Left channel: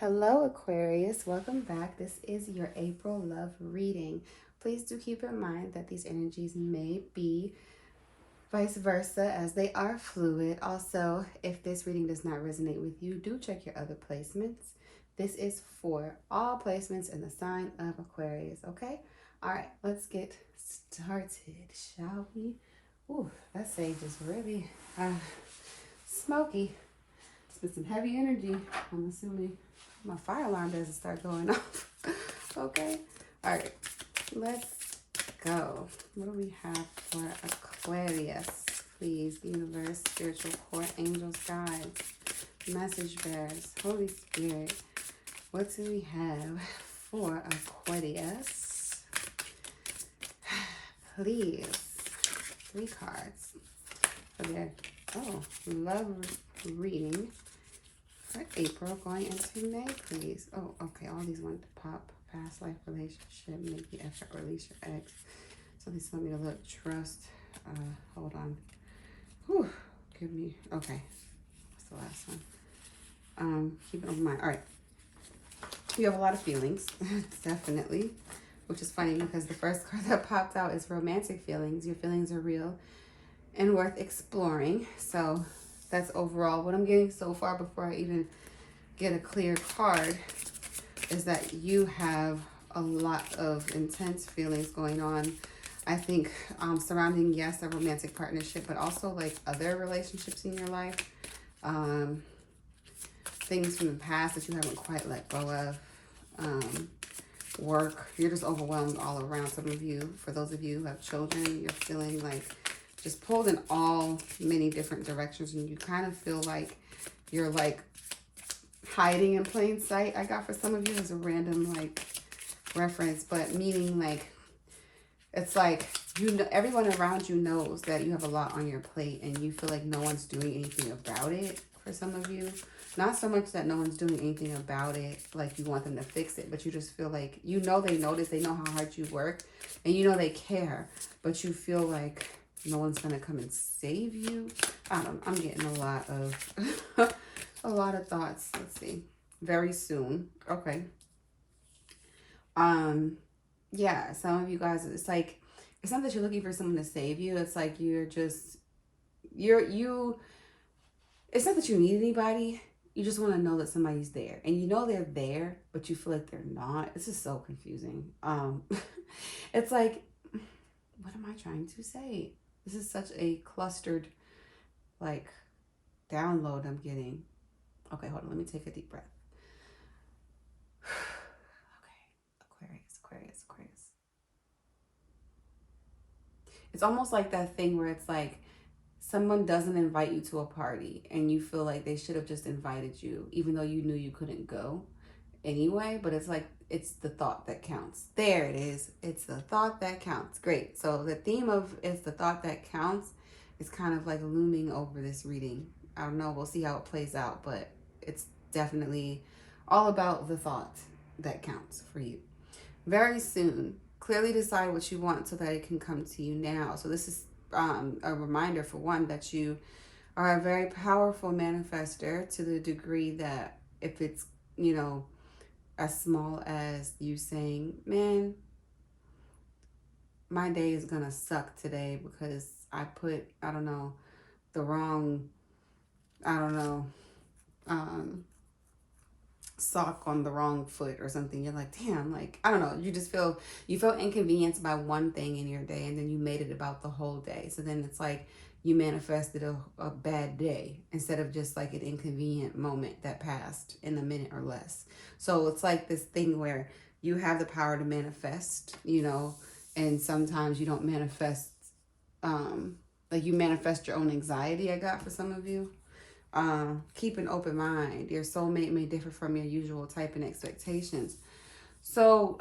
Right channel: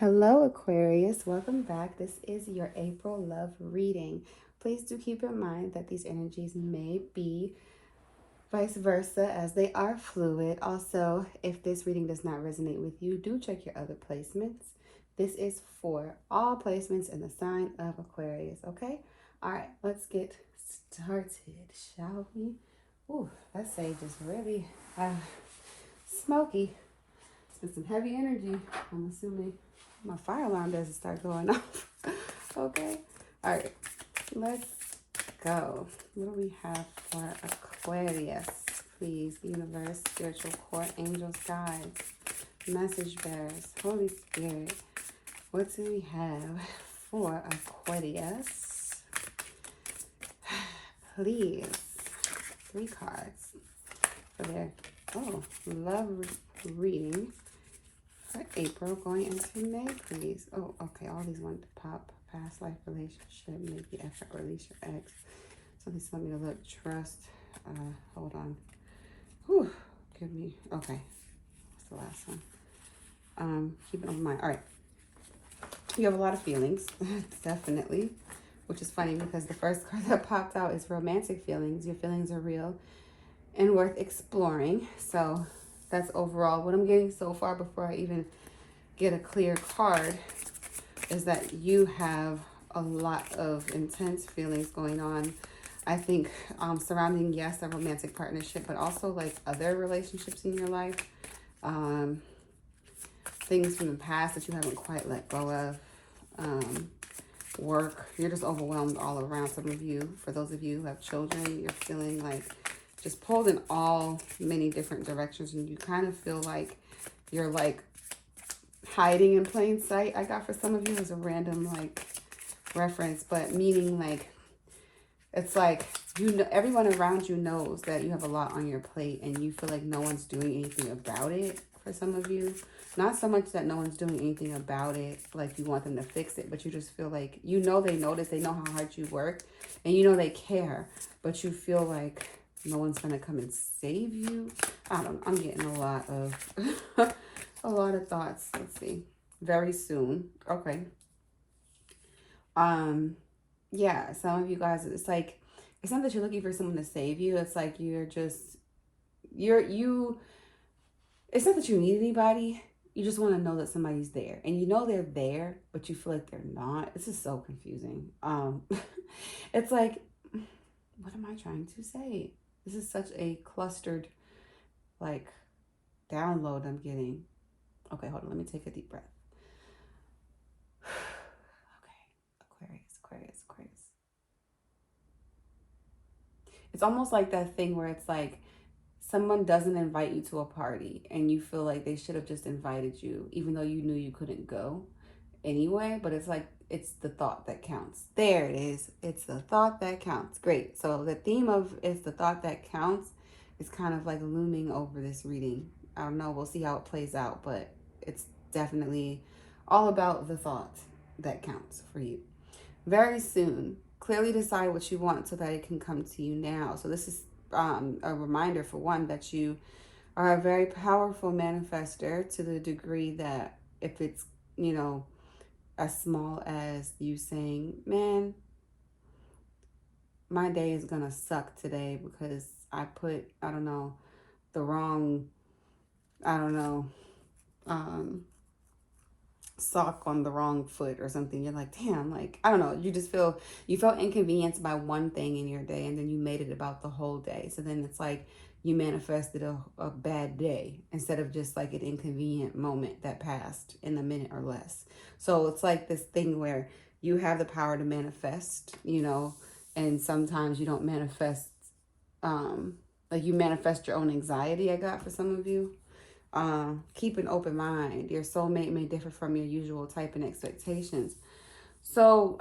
Hello, Aquarius. Welcome back. This is your April love reading. Please do keep in mind that these energies may be vice versa as they are fluid. Also, if this reading does not resonate with you, do check your other placements. This is for all placements in the sign of Aquarius, okay? All right, let's get started, shall we? Ooh, that sage is really smoky. It's been some heavy energy, I'm assuming. My fire alarm doesn't start going off. Okay. All right. Let's go. What do we have for Aquarius? Please, the universe, spiritual court, angels, guides, message bearers, Holy Spirit. What do we have for Aquarius? Please. 3 cards for their love reading. For April, going into May, please. Oh, okay. All these want to pop. Past life relationship, maybe effort, release your ex. So these want me to look. Trust. Hold on. Whew. Give me. Okay. That's the last one. Keep it on mind. All right. You have a lot of feelings, definitely. Which is funny because the first card that popped out is romantic feelings. Your feelings are real and worth exploring. So that's overall what I'm getting so far before I even get a clear card is that you have a lot of intense feelings going on. I think surrounding, yes, a romantic partnership, but also like other relationships in your life. Things from the past that you haven't quite let go of. Work, you're just overwhelmed all around. Some of you, for those of you who have children, you're feeling like just pulled in all many different directions, and you kind of feel like you're like hiding in plain sight. I got for some of you as a random like reference, but meaning like it's like you know everyone around you knows that you have a lot on your plate and you feel like no one's doing anything about it. For some of you, not so much that no one's doing anything about it, like you want them to fix it, but you just feel like you know they notice, they know how hard you work, and you know they care, but you feel like no one's gonna come and save you. I don't know. I'm getting a lot of a lot of thoughts. Let's see. Very soon. Okay. Yeah, some of you guys, it's like it's not that you're looking for someone to save you. It's like you're just you it's not that you need anybody. You just want to know that somebody's there. And you know they're there, but you feel like they're not. This is so confusing. It's like, what am I trying to say? This is such a clustered, like, download I'm getting. Okay, hold on. Let me take a deep breath. Okay, Aquarius. It's almost like that thing where it's like someone doesn't invite you to a party and you feel like they should have just invited you, even though you knew you couldn't go anyway. But it's like, it's the thought that counts. There it is. It's the thought that counts. Great. So the theme of it's the thought that counts is kind of like looming over this reading. I don't know. We'll see how it plays out, but it's definitely all about the thought that counts for you. Very soon, clearly decide what you want so that it can come to you now. So this is a reminder, for one, that you are a very powerful manifester to the degree that if it's, you know, as small as you saying, man, my day is going to suck today because I put, I don't know, the wrong, I don't know, sock on the wrong foot or something. You're like, damn, like, I don't know, you just feel, you felt inconvenienced by one thing in your day and then you made it about the whole day. So then it's like you manifested a bad day instead of just like an inconvenient moment that passed in a minute or less. So it's like this thing where you have the power to manifest, you know, and sometimes you don't manifest, like you manifest your own anxiety. I got for some of you. Keep an open mind. Your soulmate may differ from your usual type and expectations. So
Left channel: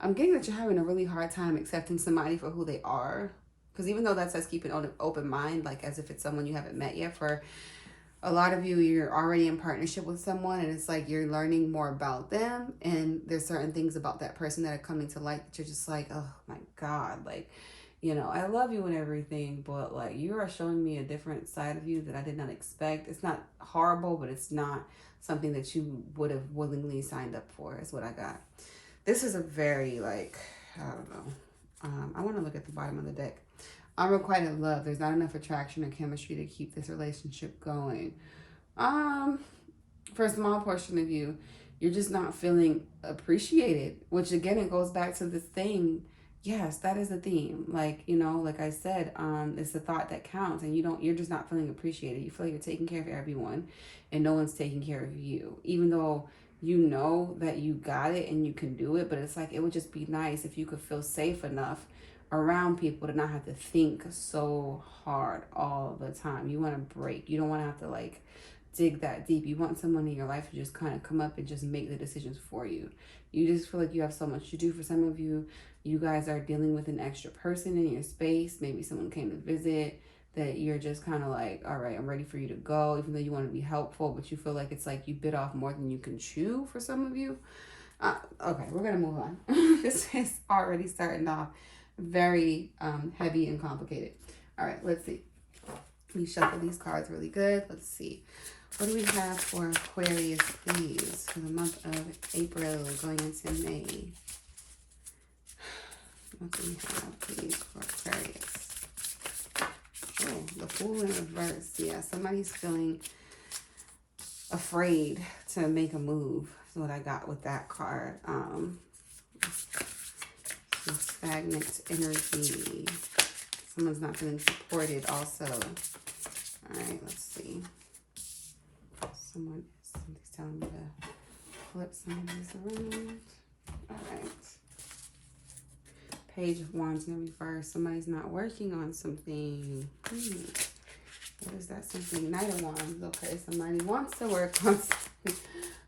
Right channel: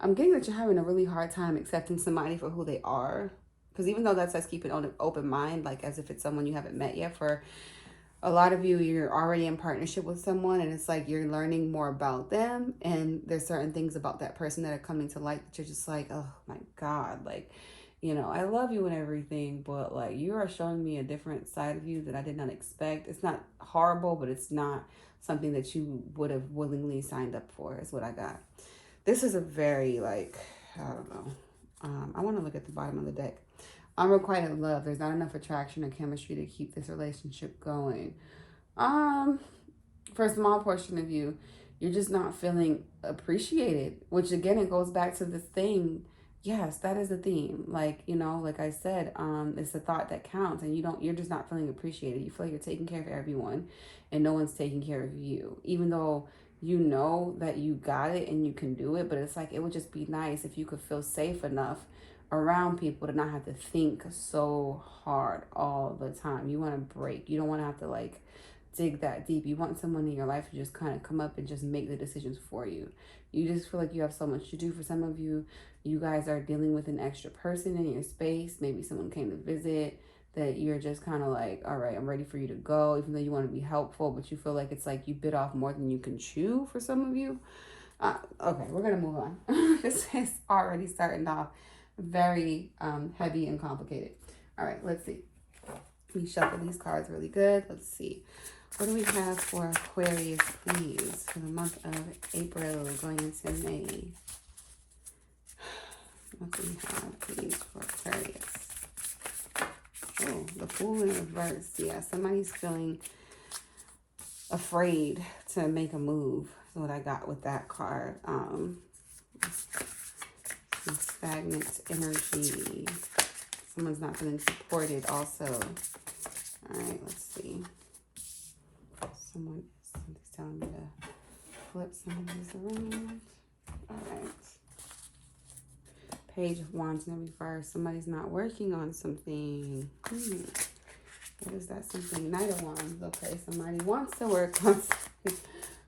I'm getting that you're having a really hard time accepting somebody for who they are. Because even though that says keep an open mind, like as if it's someone you haven't met yet, for a lot of you, you're already in partnership with someone and it's like you're learning more about them. And there's certain things about that person that are coming to light that you're just like, oh my God, like, you know, I love you and everything, but like you are showing me a different side of you that I did not expect. It's not horrible, but it's not something that you would have willingly signed up for, is what I got. This is a very, like, I don't know. I want to look at the bottom of the deck. Unrequited love. There's not enough attraction or chemistry to keep this relationship going. For a small portion of you, you're just not feeling appreciated, which again, it goes back to this thing. Yes, that is the theme. Like, you know, like I said, it's the thought that counts, and you're just not feeling appreciated. You feel like you're taking care of everyone and no one's taking care of you, even though you know that you got it and you can do it. But it's like, it would just be nice if you could feel safe enough around people to not have to think so hard all the time. You want to break. You don't want to have to like dig that deep. You want someone in your life to just kind of come up and just make the decisions for you. You just feel like you have so much to do. For some of you, you guys are dealing with an extra person in your space. Maybe someone came to visit that you're just kind of like, all right, I'm ready for you to go, even though you want to be helpful, but you feel like it's like you bit off more than you can chew for some of you. Okay, we're going to move on. This is already starting off very heavy and complicated. All right, let's see. We shuffle these cards really good. Let's see. What do we have for Aquarius, please, for the month of April going into May? What do we have, please, for Aquarius? Oh, the Fool in reverse. Yeah, somebody's feeling afraid to make a move. That's what I got with that card. Stagnant energy. Someone's not feeling supported also. All right, let's see. Somebody's telling me to flip some of these around. All right. Page of Wands in reverse. Somebody's not working on something. What is that something? Knight of Wands. Okay, somebody wants to work on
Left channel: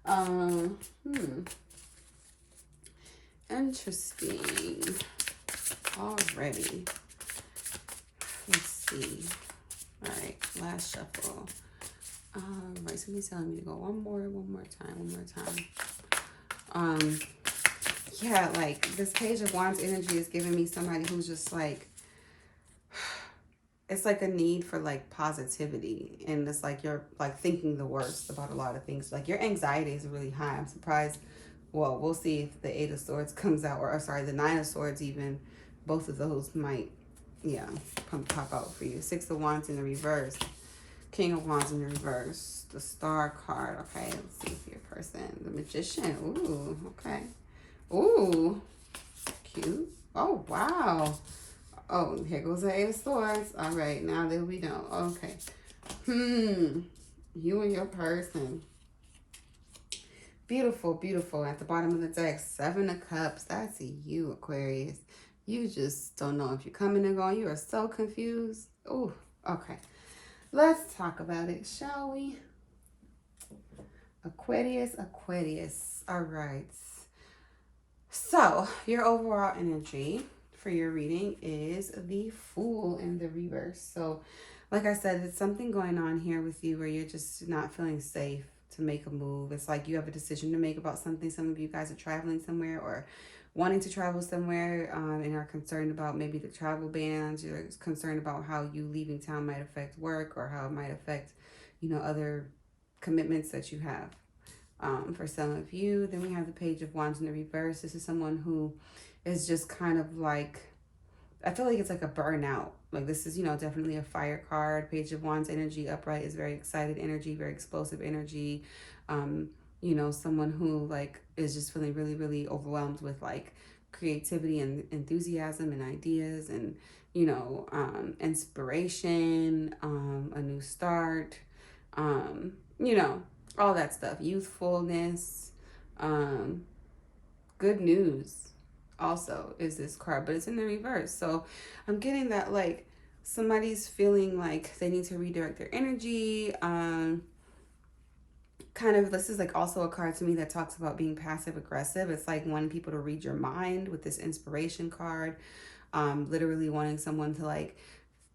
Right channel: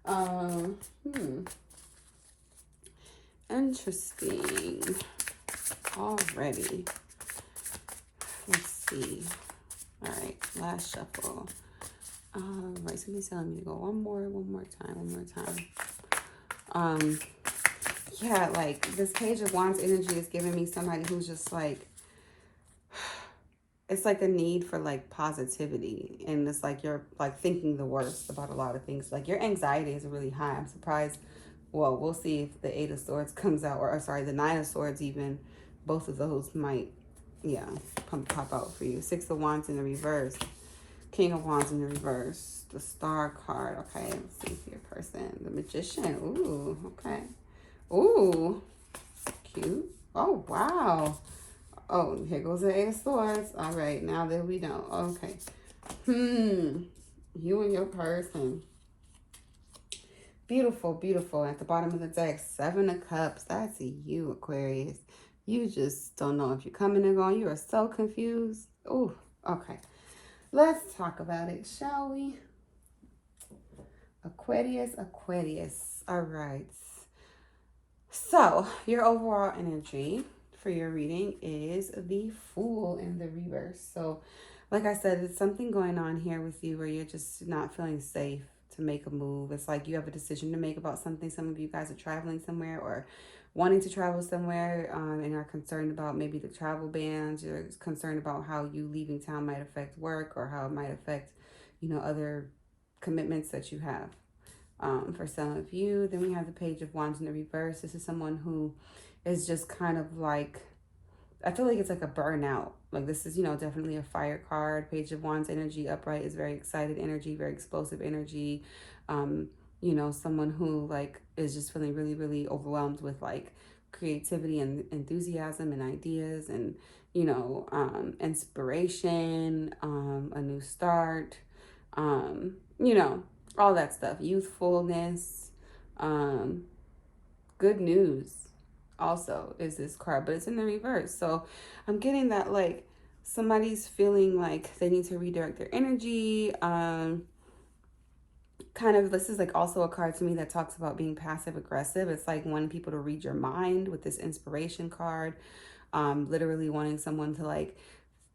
something. Interesting. Already. Let's see. All right, last shuffle. Right, somebody's telling me to go one more time. Yeah, like this Page of Wands energy is giving me somebody who's just like, it's like a need for like positivity, and it's like you're like thinking the worst about a lot of things. Like your anxiety is really high. I'm surprised. Well, we'll see if the Eight of Swords comes out, or sorry, the Nine of Swords even. Both of those might, yeah, pop out for you. Six of Wands in the reverse. King of Wands in the reverse. The Star card. Okay, let's see if your person. The Magician. Ooh, okay. Ooh, cute. Oh, wow. Oh, here goes the Eight of Swords. All right, now there we go. Okay. You and your person. Beautiful, beautiful. At the bottom of the deck, Seven of Cups. That's you, Aquarius. You just don't know if you're coming and going. You are so confused. Ooh, okay. Let's talk about it, shall we? Aquarius, Aquarius. All right. So, your overall energy for your reading is the Fool in the reverse. So, like I said, it's something going on here with you where you're just not feeling safe to make a move. It's like you have a decision to make about something. Some of you guys are traveling somewhere or wanting to travel somewhere and are concerned about maybe the travel bans. You're concerned about how you leaving town might affect work or how it might affect, you know, other commitments that you have. For some of you, then we have the Page of Wands in the reverse. This is someone who is just kind of like, I feel like it's like a burnout. Like this is, you know, definitely a fire card. Page of Wands energy upright is very excited energy, very explosive energy. You know, someone who like is just feeling really, really overwhelmed with like creativity and enthusiasm and ideas and, you know, inspiration, a new start, you know, all that stuff, youthfulness, good news also is this card, but it's in the reverse. So I'm getting that like somebody's feeling like they need to redirect their energy. Kind of, this is like also a card to me that talks about being passive aggressive. It's like wanting people to read your mind with this inspiration card. Literally wanting someone to like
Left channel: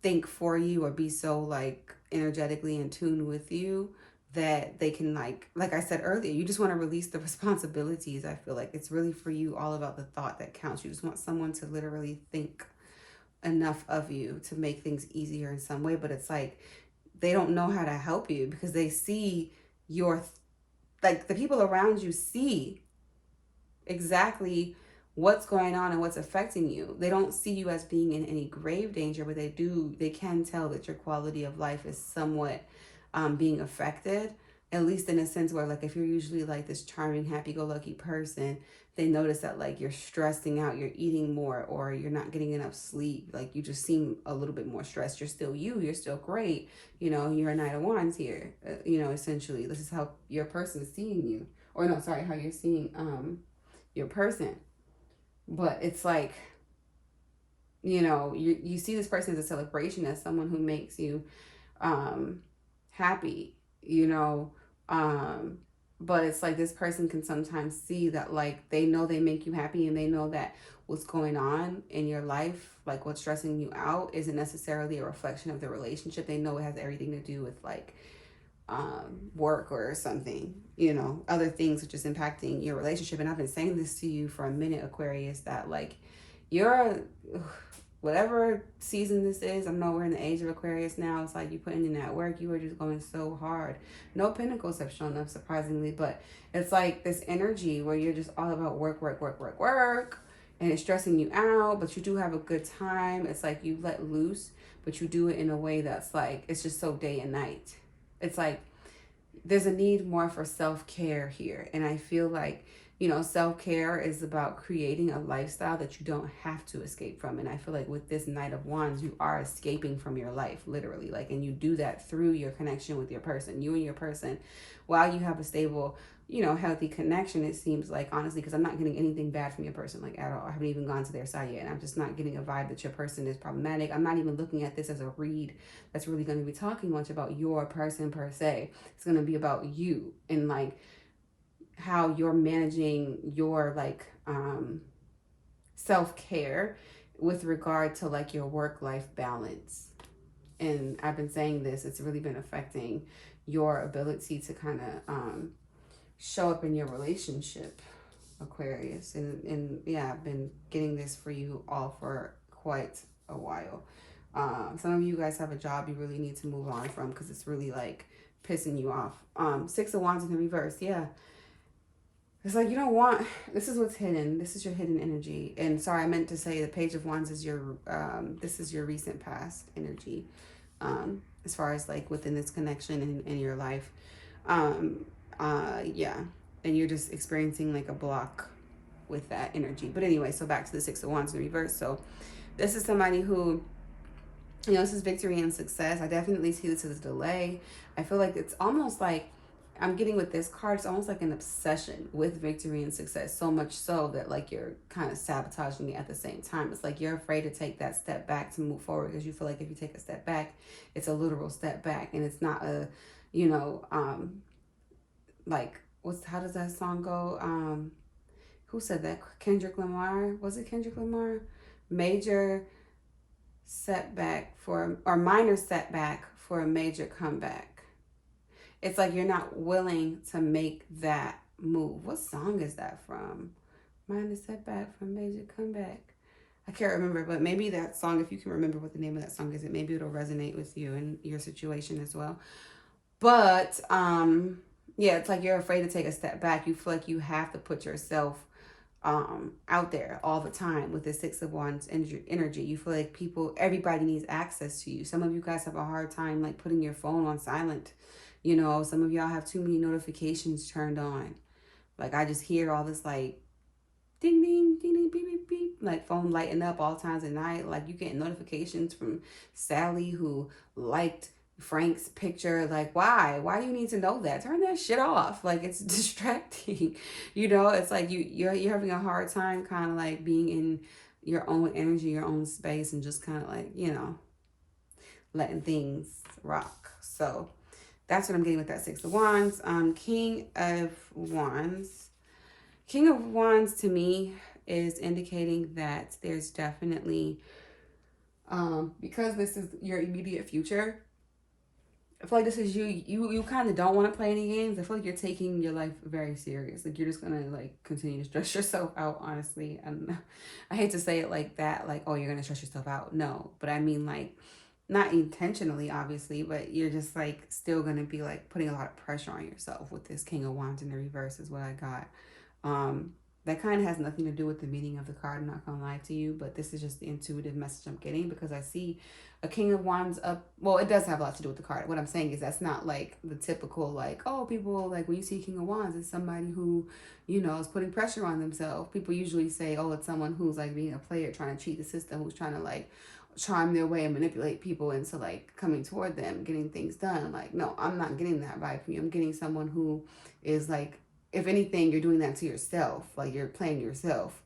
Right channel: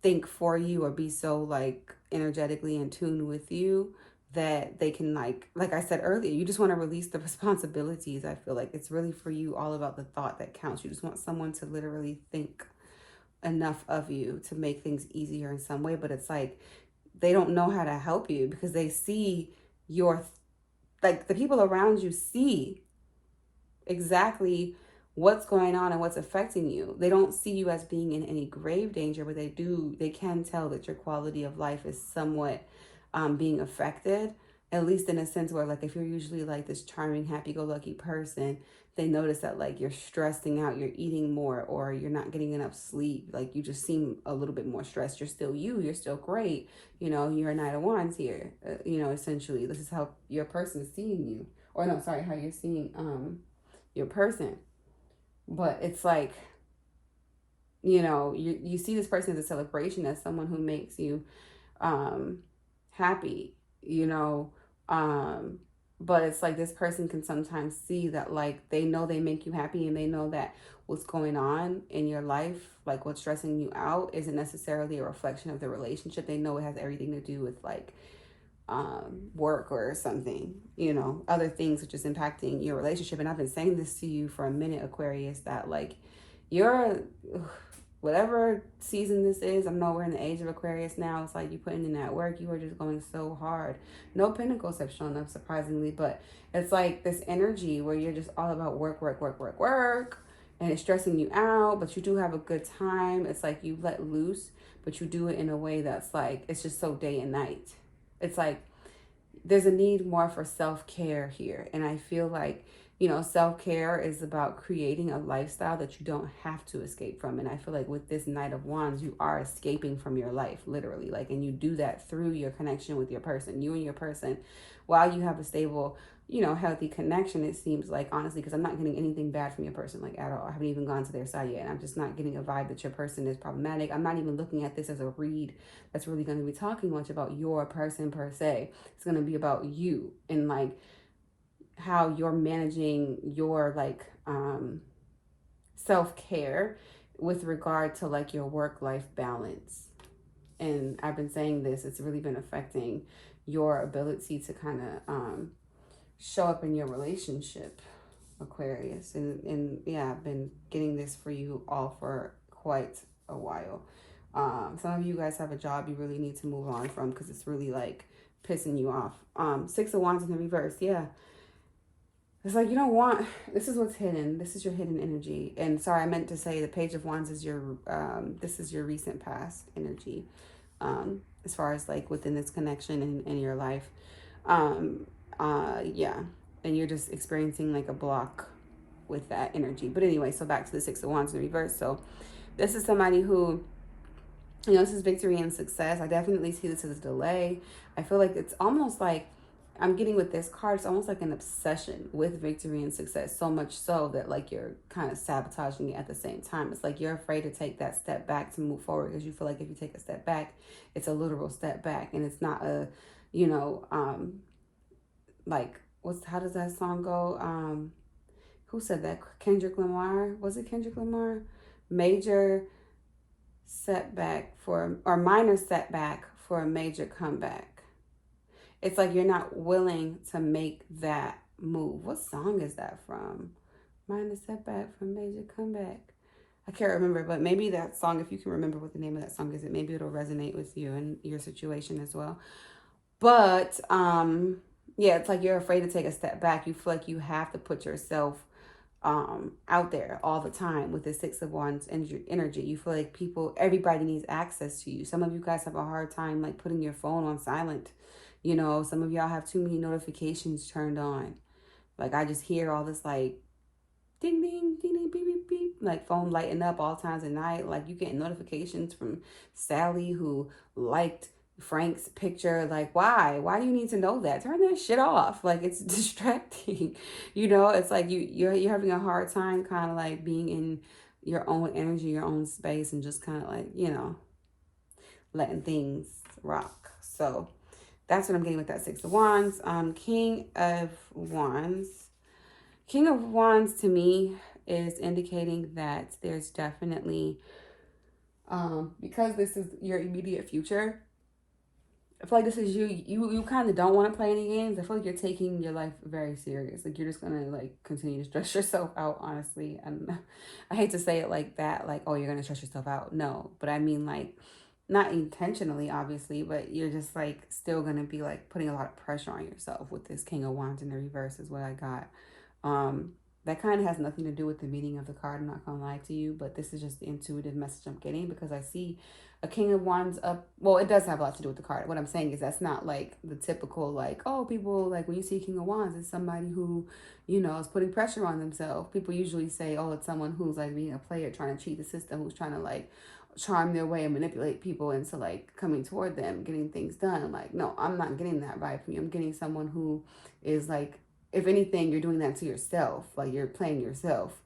think for you or be so like energetically in tune with you that they can like I said earlier, you just want to release the responsibilities. I feel like it's really for you all about the thought that counts. You just want someone to literally think enough of you to make things easier in some way, but it's like they don't know how to help you because they see your like the people around you see exactly what's going on and what's affecting you. They don't see you as being in any grave danger, but they can tell that your quality of life is somewhat being affected, at least in a sense where, like, if you're usually like this charming, happy-go-lucky person, they notice that like you're stressing out, you're eating more, or you're not getting enough sleep. Like you just seem a little bit more stressed. You're still you, you're still great. You know, you're a Knight of Wands here. You know, essentially, this is how your person is seeing you, or no, sorry, how you're seeing your person. But it's like, you know, you see this person as a celebration, as someone who makes you happy, you know. But it's like this person can sometimes see that, like, they know they make you happy, and they know that what's going on in your life, like what's stressing you out, isn't necessarily a reflection of the relationship. They know it has everything to do with like work or something, you know, other things which is impacting your relationship. And I've been saying this to you for a minute, Aquarius, that like you're whatever season this is, I know we're in the age of Aquarius now, it's like you putting in that work, you are just going so hard. No pentacles have shown up, surprisingly, but it's like this energy where you're just all about work, work, work, work, work, and it's stressing you out, but you do have a good time. It's like you let loose, but you do it in a way that's like, it's just so day and night. It's like there's a need more for self-care here. And I feel like, you know, self-care is about creating a lifestyle that you don't have to escape from. And I feel like with this Knight of Wands, you are escaping from your life, literally. Like, and you do that through your connection with your person. You and your person, while you have a stable, you know, healthy connection, it seems like, honestly, because I'm not getting anything bad from your person, like, at all. I haven't even gone to their side yet, and I'm just not getting a vibe that your person is problematic. I'm not even looking at this as a read that's really going to be talking much about your person per se. It's going to be about you and like how you're managing your like self-care with regard to like your work-life balance. And I've been saying this, it's really been affecting your ability to kind of show up in your relationship, Aquarius. And yeah, I've been getting this for you all for quite a while. Some of you guys have a job you really need to move on from because it's really like pissing you off. Six of Wands in the reverse. Yeah. It's like you don't want, this is what's hidden. This is your hidden energy. And sorry, I meant to say the Page of Wands is your, this is your recent past energy. As far as like within this connection in your life. Yeah. And you're just experiencing like a block with that energy. But anyway, so back to the Six of Wands in reverse. So this is somebody who, you know, this is victory and success. I definitely see this as a delay. I feel like it's almost like I'm getting with this card, it's almost like an obsession with victory and success, so much so that like you're kind of sabotaging it at the same time. It's like you're afraid to take that step back to move forward because you feel like if you take a step back, it's a literal step back, and it's not a, you know, like how does that song go? Who said that? Kendrick Lamar? Was it Kendrick Lamar? Major setback for, or minor setback for a major comeback. It's like you're not willing to make that move. What song is that from? Minor setback for major comeback. I can't remember, but maybe that song, if you can remember what the name of that song is, maybe it'll resonate with you and your situation as well. But yeah, it's like you're afraid to take a step back. You feel like you have to put yourself out there all the time with the Six of Wands energy. You feel like everybody needs access to you. Some of you guys have a hard time like putting your phone on silent. You know, some of y'all have too many notifications turned on. Like I just hear all this like ding, ding, ding, ding, beep, beep, beep, like phone lighting up all times of night. Like you getting notifications from Sally who liked Frank's picture. Like why do you need to know that? Turn that shit off. Like it's distracting. You know, it's like you're having a hard time kind of like being in your own energy, your own space, and just kind of like, you know, letting things rock. So that's what I'm getting with that Six of Wands. King of Wands. King of Wands to me is indicating that there's definitely, because this is your immediate future, I feel like this is you kind of don't want to play any games. I feel like you're taking your life very serious. Like you're just going to like continue to stress yourself out, honestly. And I hate to say it like that, like, oh, you're going to stress yourself out. No, but I mean like, not intentionally, obviously, but you're just like still gonna be like putting a lot of pressure on yourself with this King of Wands in the reverse is what I got. Um, that kind of has nothing to do with the meaning of the card. I'm not gonna lie to you, but this is just the intuitive message I'm getting because I see a King of Wands up. Well, it does have a lot to do with the card. What I'm saying is that's not like the typical like, oh, people like when you see King of Wands, it's somebody who, you know, is putting pressure on themselves. People usually say, oh, it's someone who's like being a player, trying to cheat the system, who's trying to like charm their way and manipulate people into like coming toward them, getting things done. I'm like, no, I'm not getting that vibe from you. I'm getting someone who is like, if anything, you're doing that to yourself. Like you're playing yourself.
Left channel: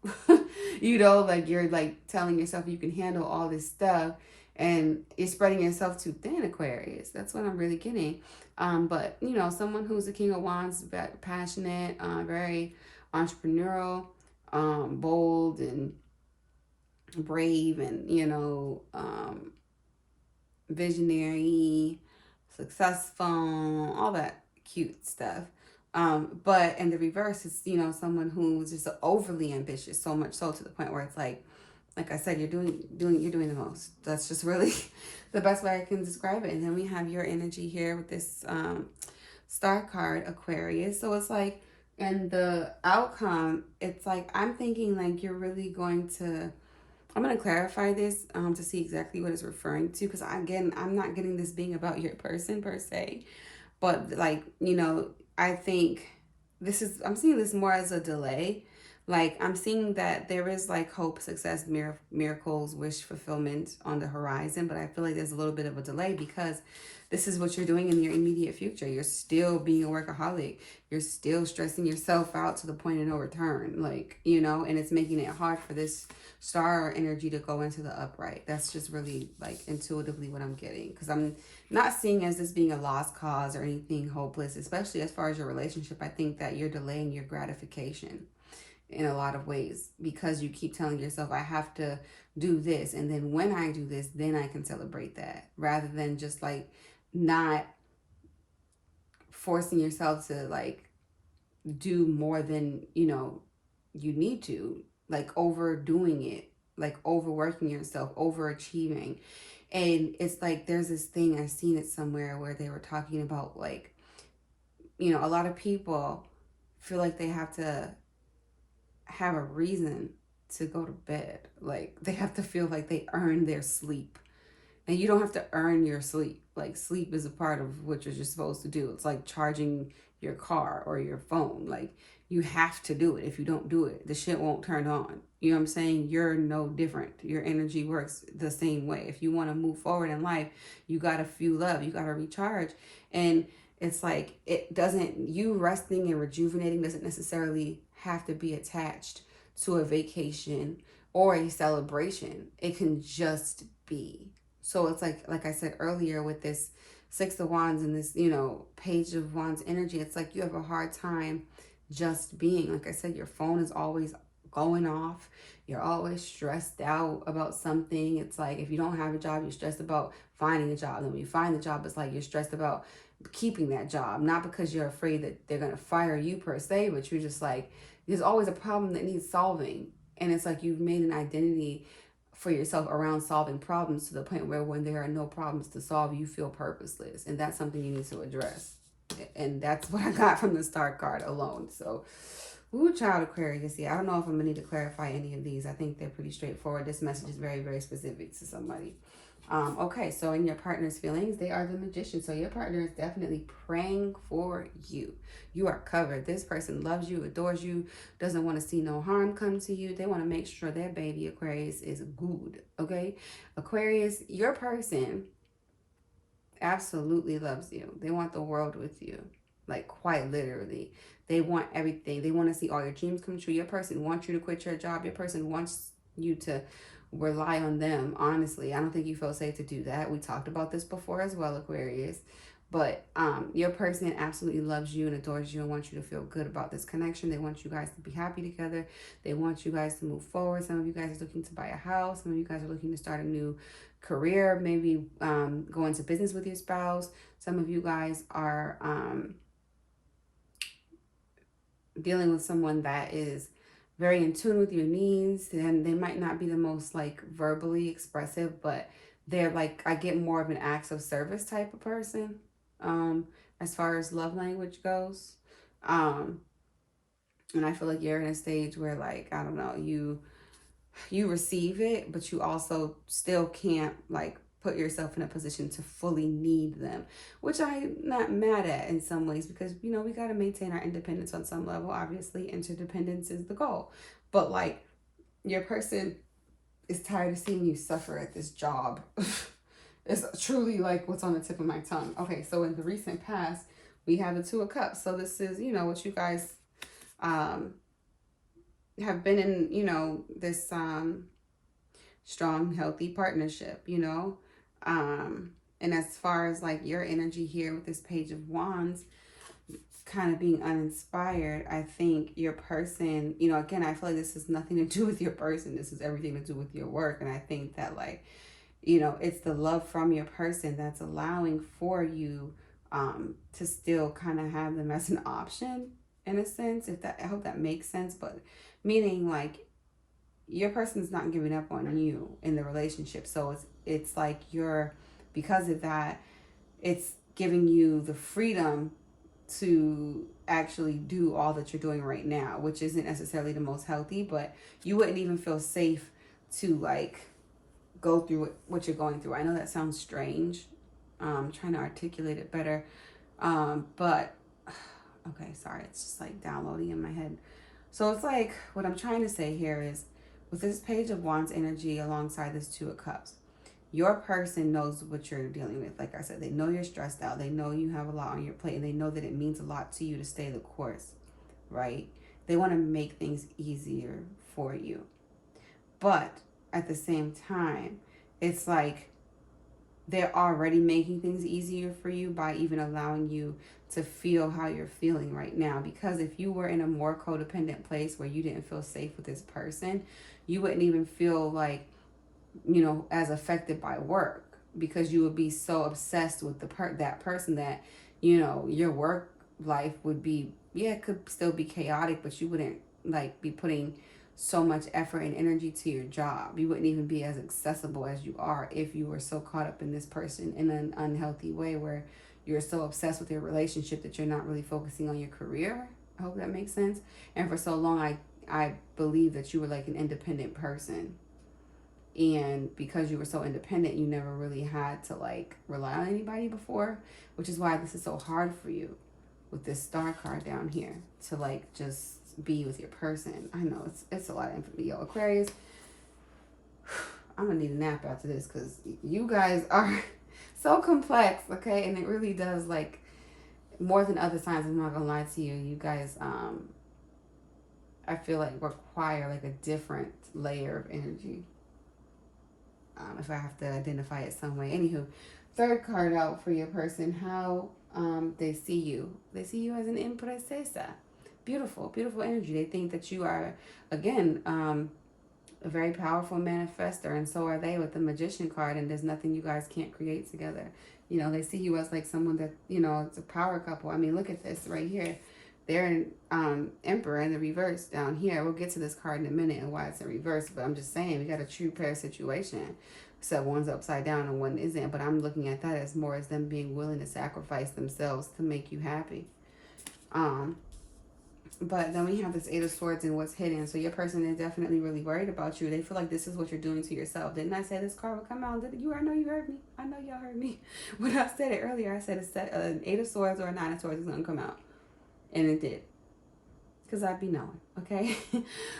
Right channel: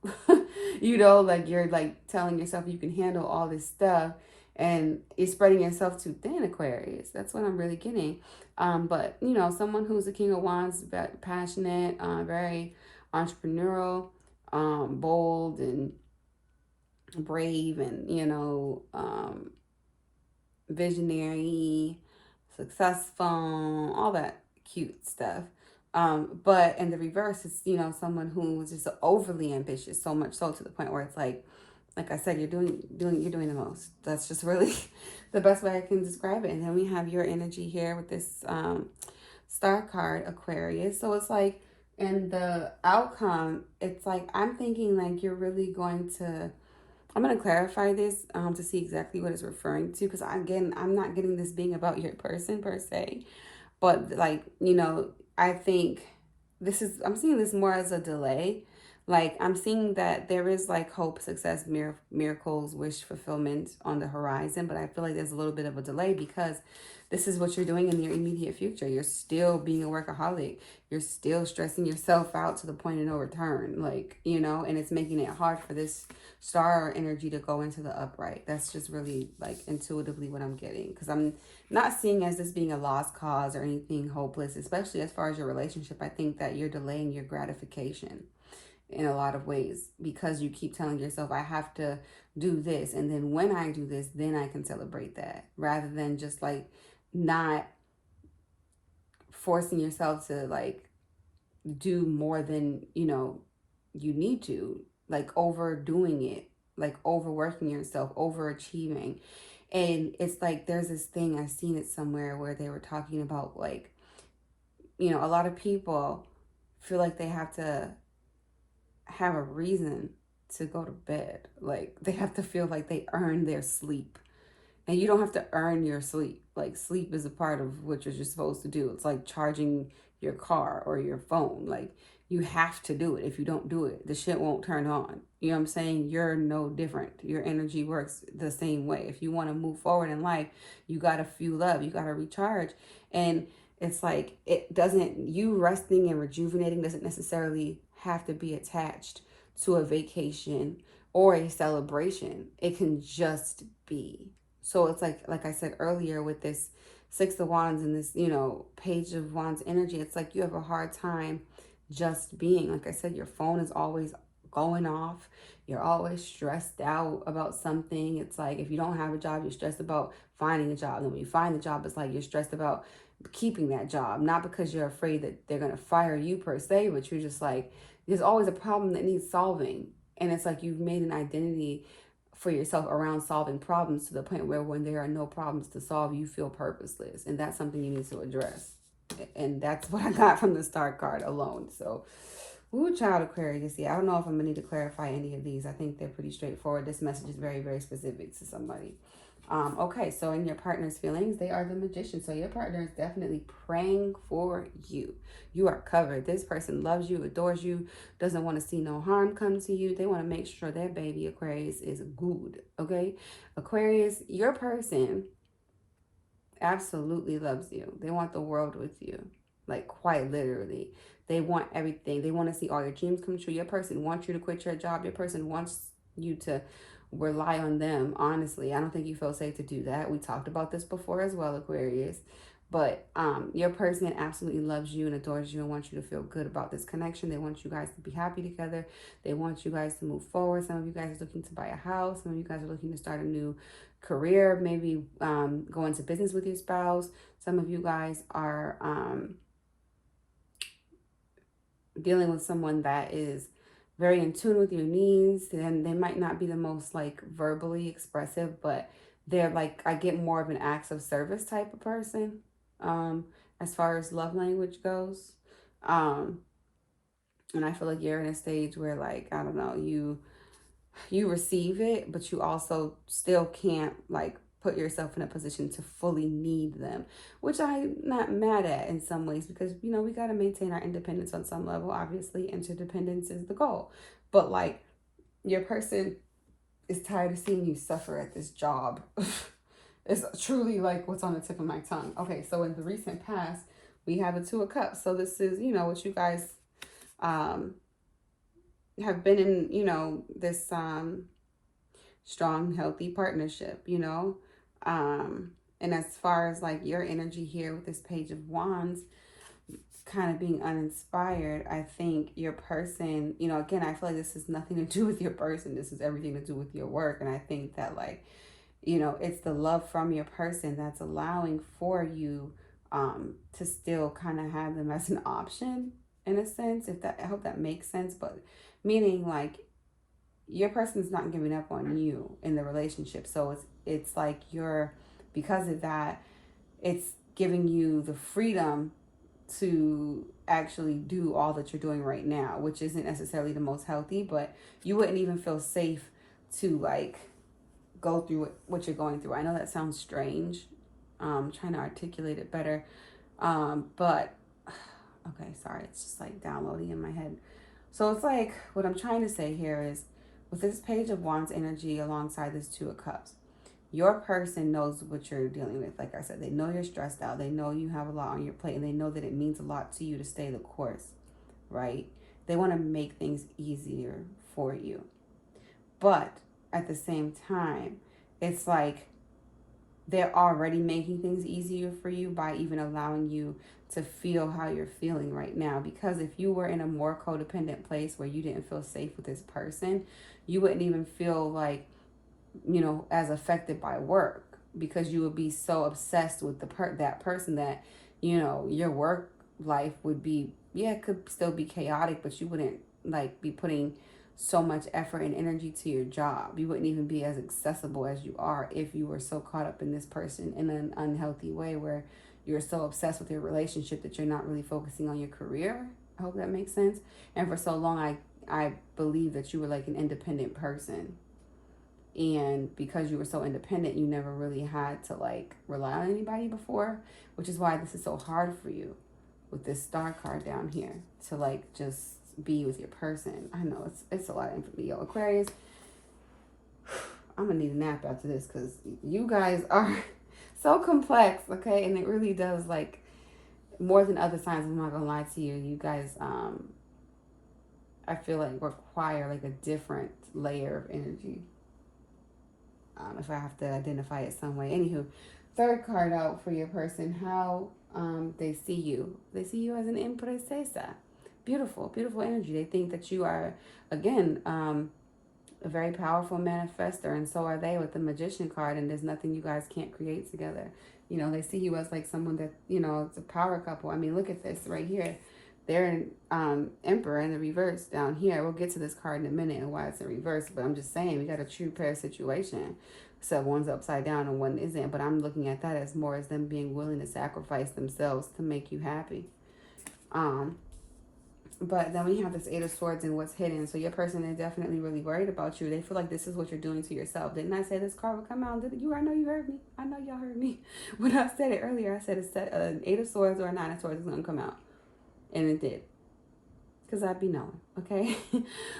You know, like you're like telling yourself you can handle all this stuff and you're spreading yourself too thin, Aquarius. That's what I'm really getting. But you know, someone who's a King of Wands, passionate, very entrepreneurial, bold and brave and, you know, visionary, successful, all that cute stuff. But in the reverse, it's, you know, someone who's just overly ambitious, so much so to the point where it's like I said, you're doing the most. That's just really the best way I can describe it. And then we have your energy here with this star card, Aquarius. So it's like, and the outcome, it's like I'm thinking like you're really going to. I'm going to clarify this to see exactly what it's referring to because again, I'm not getting this being about your person per se, but like, you know, I think this is, I'm seeing this more as a delay. Like I'm seeing that there is like hope, success, miracles, wish fulfillment on the horizon, but I feel like there's a little bit of a delay because this is what you're doing in your immediate future. You're still being a workaholic. You're still stressing yourself out to the point of no return. Like, you know, and it's making it hard for this star energy to go into the upright. That's just really like intuitively what I'm getting because I'm not seeing as this being a lost cause or anything hopeless, especially as far as your relationship. I think that you're delaying your gratification in a lot of ways because you keep telling yourself, I have to do this. And then when I do this, then I can celebrate that rather than just like not forcing yourself to like do more than, you know, you need to, like overdoing it, like overworking yourself, overachieving. And it's like there's this thing, I've seen it somewhere where they were talking about like, you know, a lot of people feel like they have to have a reason to go to bed. Like they have to feel like they earn their sleep. And you don't have to earn your sleep. Like sleep is a part of what you're just supposed to do. It's like charging your car or your phone. Like you have to do it. If you don't do it, the shit won't turn on. You know what I'm saying? You're no different. Your energy works the same way. If you want to move forward in life, you got to fuel up. You got to recharge. And it's like it doesn't, you resting and rejuvenating doesn't necessarily have to be attached to a vacation or a celebration. It can just be. So it's like I said earlier with this Six of Wands and this, you know, Page of Wands energy, it's like you have a hard time just being. Like I said, your phone is always going off. You're always stressed out about something. It's like if you don't have a job, you're stressed about finding a job. And when you find the job, it's like you're stressed about keeping that job. Not because you're afraid that they're going to fire you per se, but you're just like, there's always a problem that needs solving. And it's like you've made an identity for yourself around solving problems to the point where when there are no problems to solve, you feel purposeless. And that's something you need to address. And that's what I got from the star card alone. So, ooh, child Aquarius. Yeah, I don't know if I'm going to need to clarify any of these. I think they're pretty straightforward. This message is very, very specific to somebody. Okay, so in your partner's feelings, they are the Magician. So your partner is definitely praying for you. You are covered. This person loves you, adores you, doesn't want to see no harm come to you. They want to make sure their baby Aquarius is good. Okay, Aquarius, your person absolutely loves you. They want the world with you, like quite literally. They want everything. They want to see all your dreams come true. Your person wants you to quit your job. Your person wants you to rely on them. Honestly, I don't think you feel safe to do that. We talked about this before as well, Aquarius. But your person absolutely loves you and adores you and wants you to feel good about this connection. They want you guys to be happy together. They want you guys to move forward. Some of you guys are looking to buy a house. Some of you guys are looking to start a new career, maybe go into business with your spouse. Some of you guys are dealing with someone that is very in tune with your needs. And they might not be the most like verbally expressive, but they're like, I get more of an acts of service type of person, um, as far as love language goes. Um, and I feel like you're in a stage where, like, I don't know, you receive it, but you also still can't like put yourself in a position to fully need them, which I'm not mad at in some ways, because you know we got to maintain our independence on some level. Obviously, interdependence is the goal, but like your person is tired of seeing you suffer at this job. It's truly like what's on the tip of my tongue. Okay, so in the recent past, we have a Two of Cups. So this is, you know, what you guys um have been in, you know, this strong, healthy partnership, you know. And as far as like your energy here with this Page of Wands, kind of being uninspired, I think your person, you know, again, I feel like this has nothing to do with your person. This is everything to do with your work. And I think that, like, you know, it's the love from your person that's allowing for you to still kind of have them as an option in a sense. If that, I hope that makes sense. But meaning like your person's not giving up on you in the relationship. So it's like you're, because of that, it's giving you the freedom to actually do all that you're doing right now, which isn't necessarily the most healthy, but you wouldn't even feel safe to like go through what you're going through. I know that sounds strange. Trying to articulate it better. But okay, sorry, it's just like downloading in my head. So it's like what I'm trying to say here is with this Page of Wands energy alongside this Two of Cups, your person knows what you're dealing with. Like I said, they know you're stressed out. They know you have a lot on your plate, and they know that it means a lot to you to stay the course, right? They want to make things easier for you. But at the same time, it's like they're already making things easier for you by even allowing you to feel how you're feeling right now. Because if you were in a more codependent place where you didn't feel safe with this person, you wouldn't even feel like, you know, as affected by work, because you would be so obsessed with that person that, you know, your work life would be, yeah, it could still be chaotic, but you wouldn't like be putting so much effort and energy to your job. You wouldn't even be as accessible as you are if you were so caught up in this person in an unhealthy way where you're so obsessed with your relationship that you're not really focusing on your career. I hope that makes sense. And for so long, I believe that you were like an independent person, and because you were so independent, you never really had to like rely on anybody before, which is why this is so hard for you with this Star card down here to like just be with your person. I know it's a lot of info. Yo, Aquarius, I'm gonna need a nap after this because you guys are so complex, okay? And it really does, like, more than other signs, I'm not gonna lie to you, you guys I feel like require like a different layer of energy, if I have to identify it some way. Anywho, third card out for your person, how they see you. They see you as an empresa. Beautiful, beautiful energy. They think that you are, again, a very powerful manifester, and so are they with the Magician card, and there's nothing you guys can't create together. You know, they see you as like someone that, you know, it's a power couple. I mean, look at this right here. They're in Emperor in the reverse down here. We'll get to this card in a minute and why it's in reverse, but I'm just saying we got a true pair situation. So one's upside down and one isn't, but I'm looking at that as more as them being willing to sacrifice themselves to make you happy. But then we have this Eight of Swords and what's hidden. So your person is definitely really worried about you. They feel like this is what you're doing to yourself. Didn't I say this card would come out? Did you? I know you heard me. I know y'all heard me. When I said it earlier, I said an Eight of Swords or a Nine of Swords is going to come out. And it did. Because I'd be knowing, okay?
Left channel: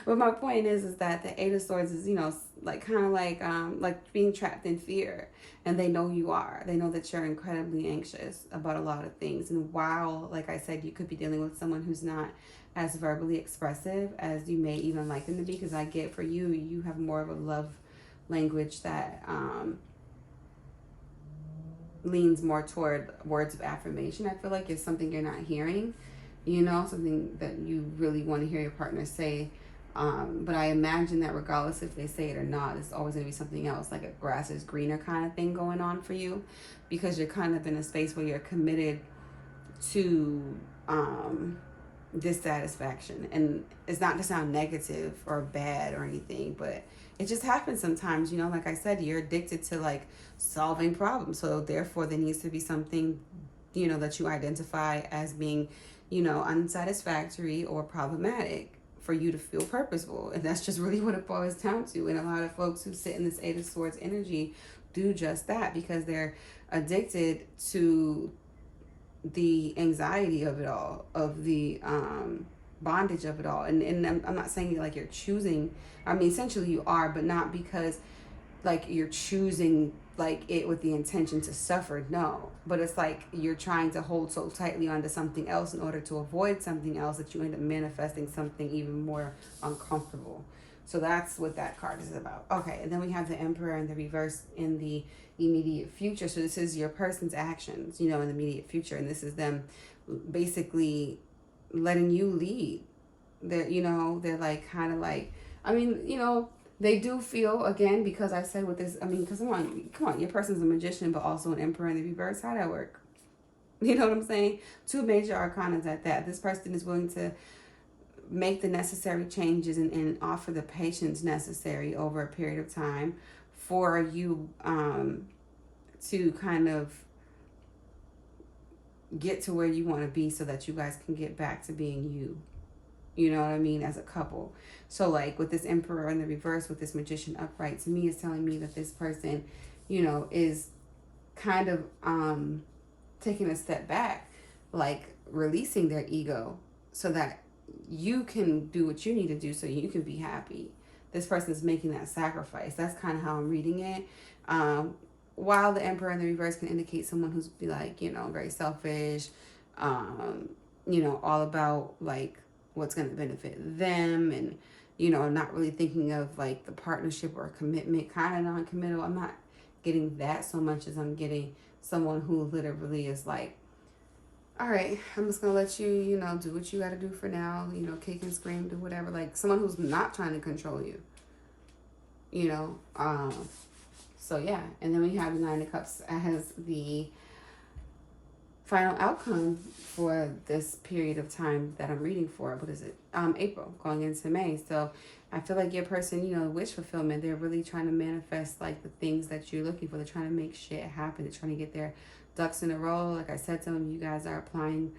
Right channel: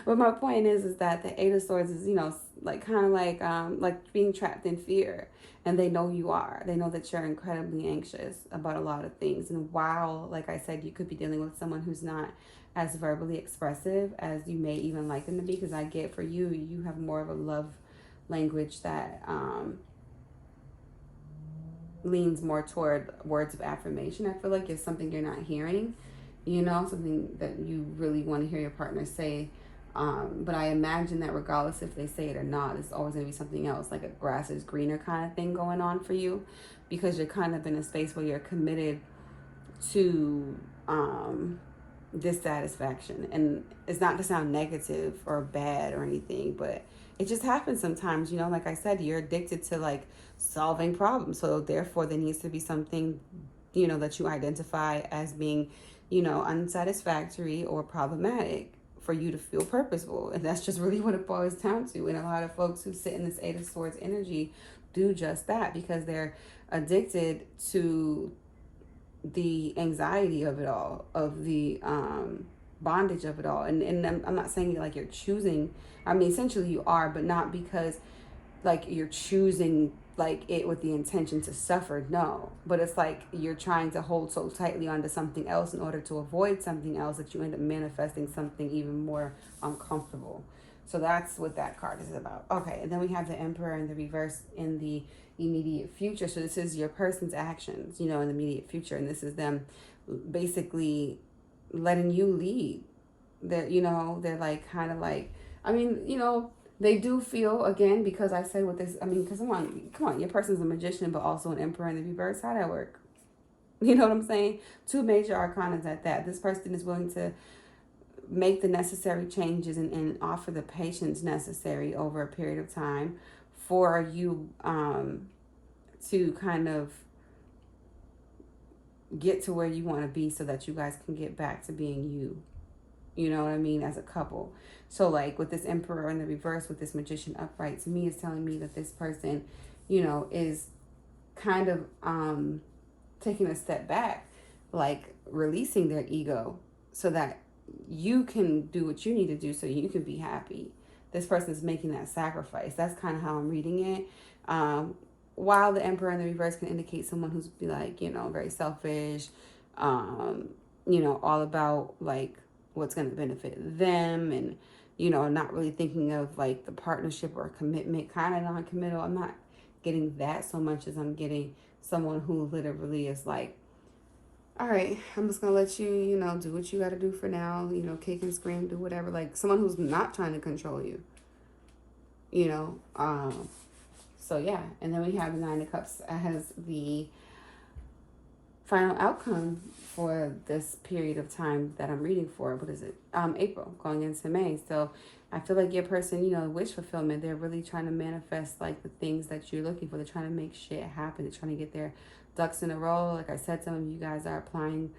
But my point is that the Eight of Swords is, you know, like kind of like being trapped in fear. And they know you are. They know that you're incredibly anxious about a lot of things. And while, like I said, you could be dealing with someone who's not as verbally expressive as you may even like them to be, because I get for you, you have more of a love language that leans more toward words of affirmation. I feel like it's something you're not hearing. You know, something that you really want to hear your partner say. But I imagine that regardless if they say it or not, it's always going to be something else, like a grass is greener kind of thing going on for you, because you're kind of in a space where you're committed to dissatisfaction. And it's not to sound negative or bad or anything, but it just happens sometimes. Like I said, you're addicted to like solving problems. So therefore there needs to be something, that you identify as being, unsatisfactory or problematic for you to feel purposeful. And that's just really what it boils down to. And a lot of folks who sit in this Eight of Swords energy do just that, because they're addicted to the anxiety of it all, of the bondage of it all. And I'm not saying like you're choosing, I mean, essentially you are, but not because like you're choosing like it with the intention to suffer. No, but it's like you're trying to hold so tightly onto something else in order to avoid something else that you end up manifesting something even more uncomfortable. So that's what that card is about. Okay, and then we have the Emperor in the reverse in the immediate future. So this is your person's actions, in the immediate future. And this is them basically letting you lead. They're like kind of like, I mean, they do feel, again, because I said with this, I mean, because come on, your person's a magician, but also an Emperor in the reverse. How that work? You know what I'm saying? Two major arcanas at that. This person is willing to make the necessary changes and offer the patience necessary over a period of time for you to kind of get to where you want to be, so that you guys can get back to being you. You know what I mean? As a couple. So like with this Emperor in the reverse, with this Magician upright, to me is telling me that this person, is kind of taking a step back, like releasing their ego so that you can do what you need to do so you can be happy. This person is making that sacrifice. That's kind of how I'm reading it. While the Emperor in the reverse can indicate someone who's like, very selfish, all about like what's going to benefit them, and, not really thinking of like the partnership or commitment, kind of non-committal. I'm not getting that so much as I'm getting someone who literally is like, all right, I'm just going to let you, do what you got to do for now, kick and scream, do whatever. Like someone who's not trying to control you, So yeah, and then we have the Nine of Cups as the final outcome for this period of time that I'm reading for. What is it? April, going into May. So I feel like your person, wish fulfillment. They're really trying to manifest like the things that you're looking for. They're trying to make shit happen. They're trying to get their ducks in a row. Like I said, some of you guys are applying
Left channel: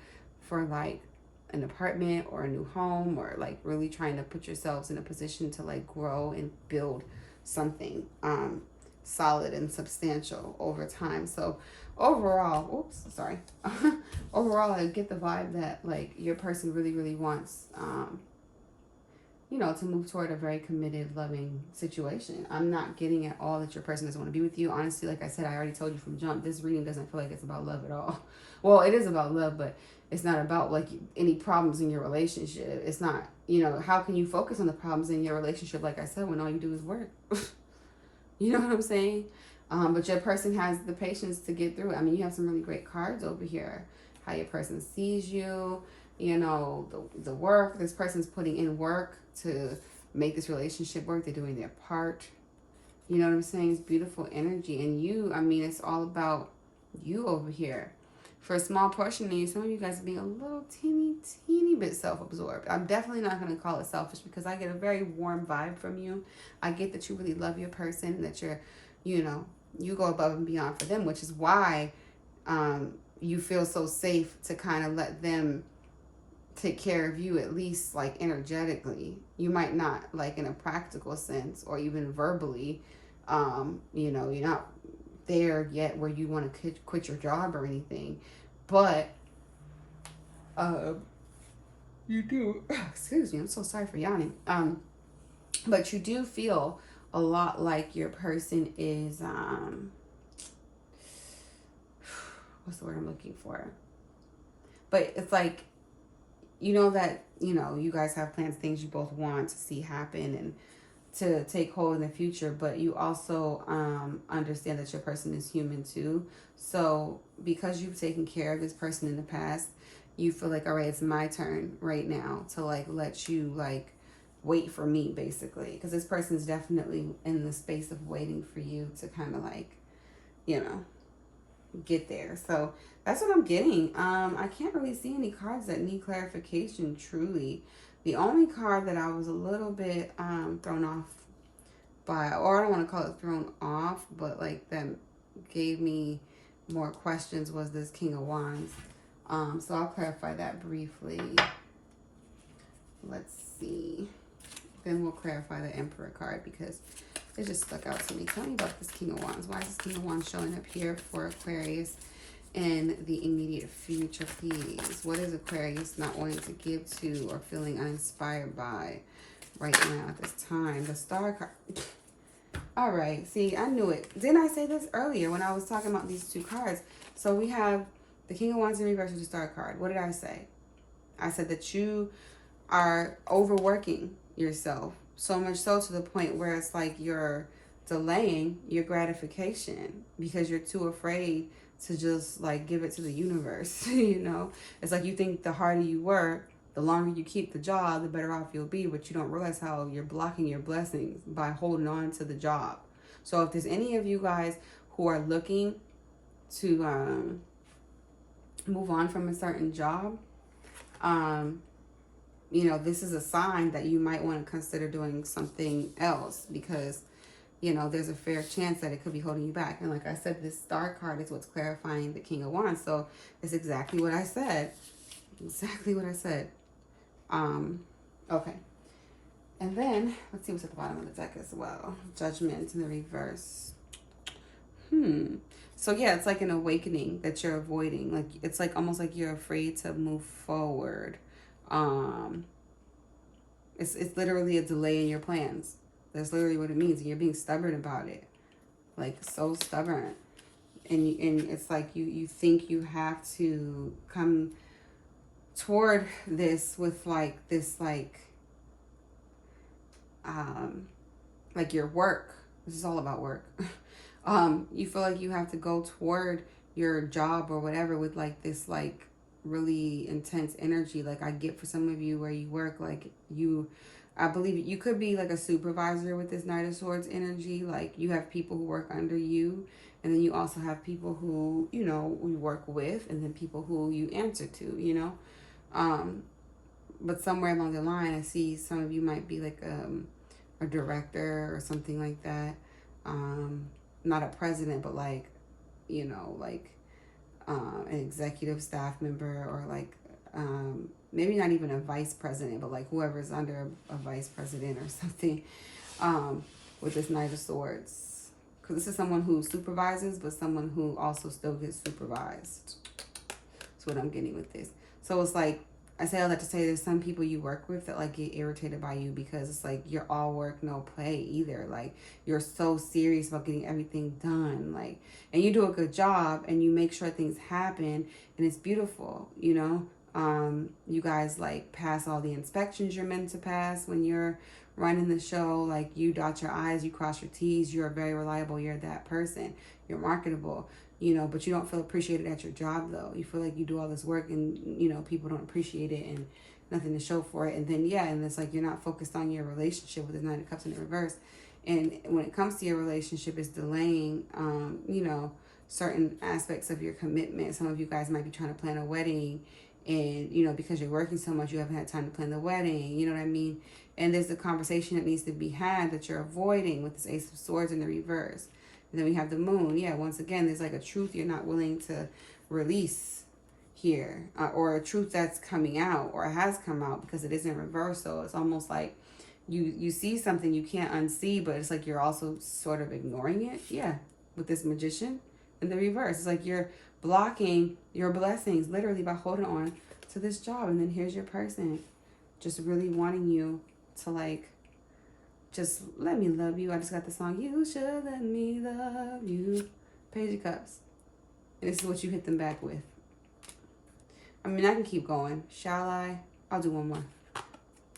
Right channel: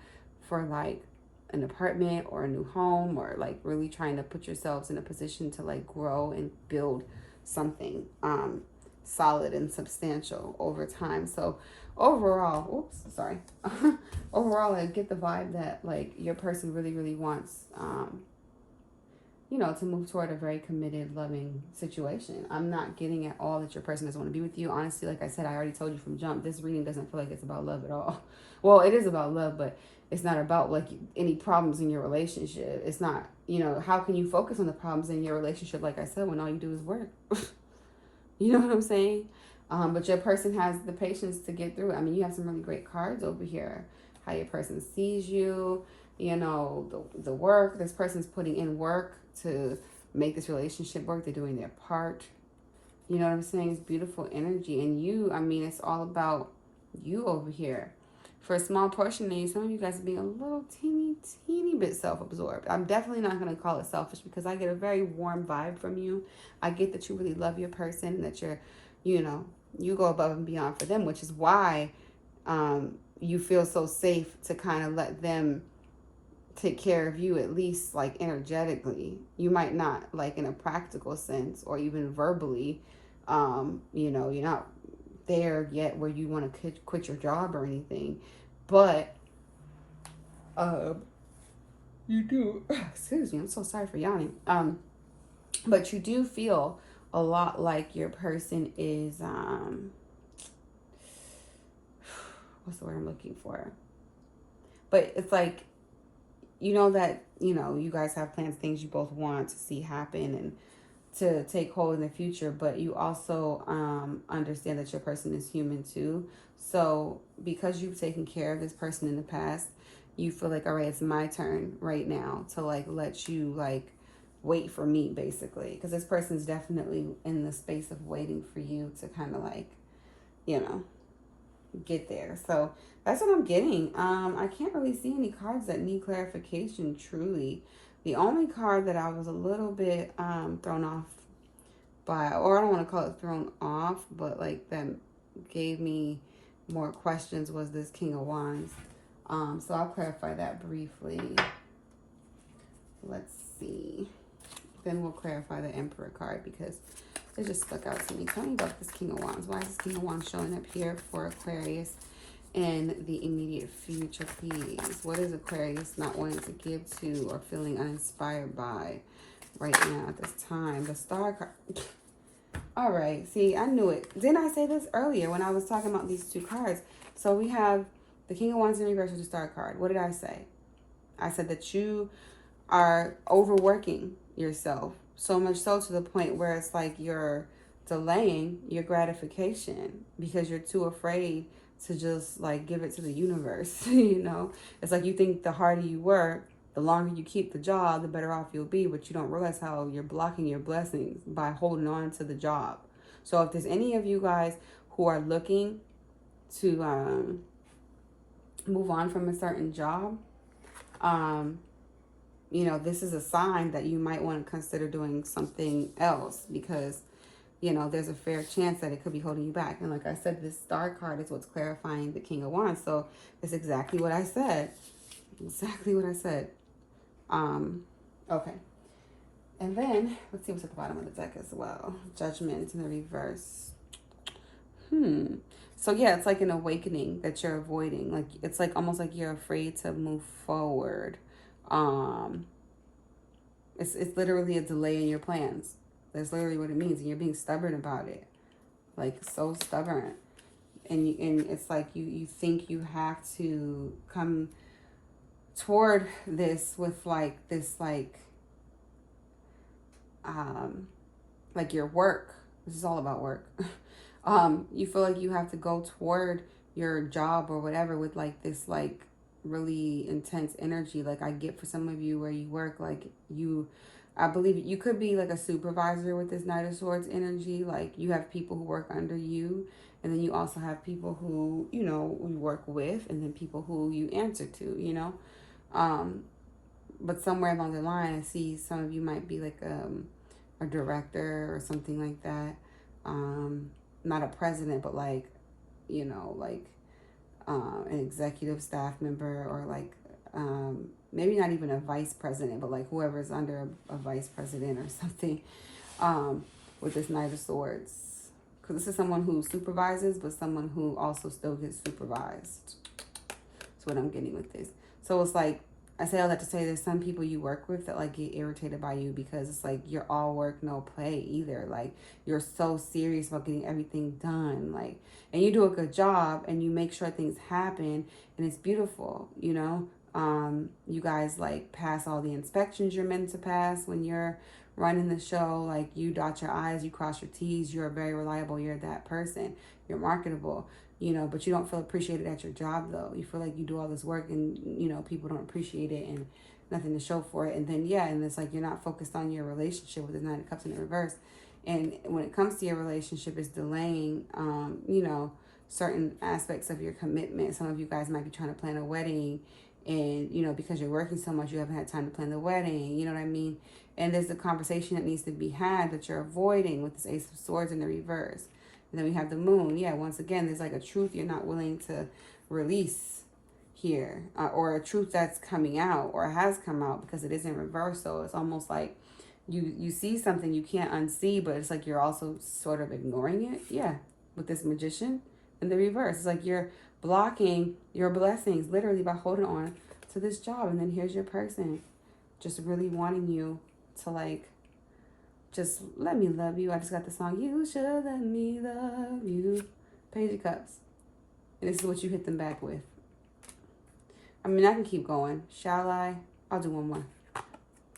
for like an apartment or a new home, or like really trying to put yourselves in a position to like grow and build something solid and substantial over time. So overall, overall, I get the vibe that like your person really, really wants, to move toward a very committed, loving situation. I'm not getting at all that your person doesn't want to be with you. Honestly, like I said, I already told you from jump, this reading doesn't feel like it's about love at all. Well, it is about love, but it's not about like any problems in your relationship. It's not, how can you focus on the problems in your relationship, like I said, when all you do is work? You know what I'm saying? But your person has the patience to get through it. I mean, you have some really great cards over here. How your person sees you, the work. This person's putting in work to make this relationship work. They're doing their part. You know what I'm saying? It's beautiful energy. And you, I mean, it's all about you over here. For a small portion of you, some of you guys are being a little teeny bit self-absorbed. I'm definitely not going to call it selfish, because I get a very warm vibe from you. I get that you really love your person, and that you're, you go above and beyond for them, which is why you feel so safe to kind of let them take care of you, at least like energetically. You might not like in a practical sense or even verbally, you're not there yet where you want to quit your job or anything, but you do, excuse me, I'm so sorry for yawning, but you do feel a lot like your person is what's the word I'm looking for, but it's like, that you guys have plans, things you both want to see happen and to take hold in the future, but you also understand that your person is human too. So because you've taken care of this person in the past, you feel like, all right, it's my turn right now to like let you like wait for me, basically, because this person's definitely in the space of waiting for you to kind of like, get there. So that's what I'm getting. I can't really see any cards that need clarification, truly. The only card that I was a little bit thrown off by, or I don't want to call it thrown off, but like that gave me more questions, was this King of Wands. So I'll clarify that briefly. Let's see. Then we'll clarify the Emperor card because it just stuck out to me. Tell me about this King of Wands. Why is this King of Wands showing up here for Aquarius in the immediate future, please? What is Aquarius not wanting to give to or feeling uninspired by right now at this time? The Star card. All right. See, I knew it. Didn't I say this earlier when I was talking about these two cards? So we have the King of Wands in reverse with the Star card. What did I say? I said that you are overworking yourself, so much so to the point where it's like you're delaying your gratification because you're too afraid to just like give it to the universe. You know, it's like you think the harder you work, the longer you keep the job, the better off you'll be, but you don't realize how you're blocking your blessings by holding on to the job. So if there's any of you guys who are looking to move on from a certain job, you know, this is a sign that you might want to consider doing something else because, you know, there's a fair chance that it could be holding you back. And like I said, this Star card is what's clarifying the King of Wands. So it's exactly what I said. Exactly what I said. Okay. And then, let's see what's at the bottom of the deck as well. Judgment in the reverse. So yeah, it's like an awakening that you're avoiding. Like, it's like almost like you're afraid to move forward. It's literally a delay in your plans. That's literally what it means. And you're being stubborn about it. Like, so stubborn. And it's like you think you have to come toward this with like this like your work. This is all about work. You feel like you have to go toward your job or whatever with like this like really intense energy. Like I get for some of you where you work, like I believe you could be like a supervisor with this Knight of Swords energy. Like you have people who work under you, and then you also have people who, you know, you work with, and then people who you answer to, you know. But somewhere along the line, I see some of you might be like a director or something like that. Not a president, but like, you know, like an executive staff member, or like maybe not even a vice president, but like whoever's under a vice president or something, with this Knight of Swords. Because this is someone who supervises, but someone who also still gets supervised. That's what I'm getting with this. So it's like, I say all that to say there's some people you work with that like get irritated by you because it's like you're all work, no play either. Like you're so serious about getting everything done. Like, and you do a good job and you make sure things happen and it's beautiful, you know. You guys like pass all the inspections you're meant to pass when you're running the show. Like you dot your I's, you cross your T's, you're very reliable, you're that person, you're marketable. You know, but you don't feel appreciated at your job, though. You feel like you do all this work and, you know, people don't appreciate it and nothing to show for it. And then, yeah, and it's like you're not focused on your relationship with the Nine of Cups in the reverse. And when it comes to your relationship, it's delaying, you know, certain aspects of your commitment. Some of you guys might be trying to plan a wedding and, you know, because you're working so much, you haven't had time to plan the wedding. You know what I mean? And there's a conversation that needs to be had that you're avoiding with this Ace of Swords in the reverse. And then we have the Moon. Yeah, once again, there's like a truth you're not willing to release here. Or a truth that's coming out or has come out because it is in reverse. So it's almost like you see something you can't unsee, but it's like you're also sort of ignoring it. Yeah, with this Magician in the reverse. It's like you're blocking your blessings literally by holding on to this job. And then here's your person just really wanting you to like, just let me love you. I just got the song, You Should Let Me Love You. Page of Cups. And this is what you hit them back with. I mean, I can keep going. Shall I? I'll do one more.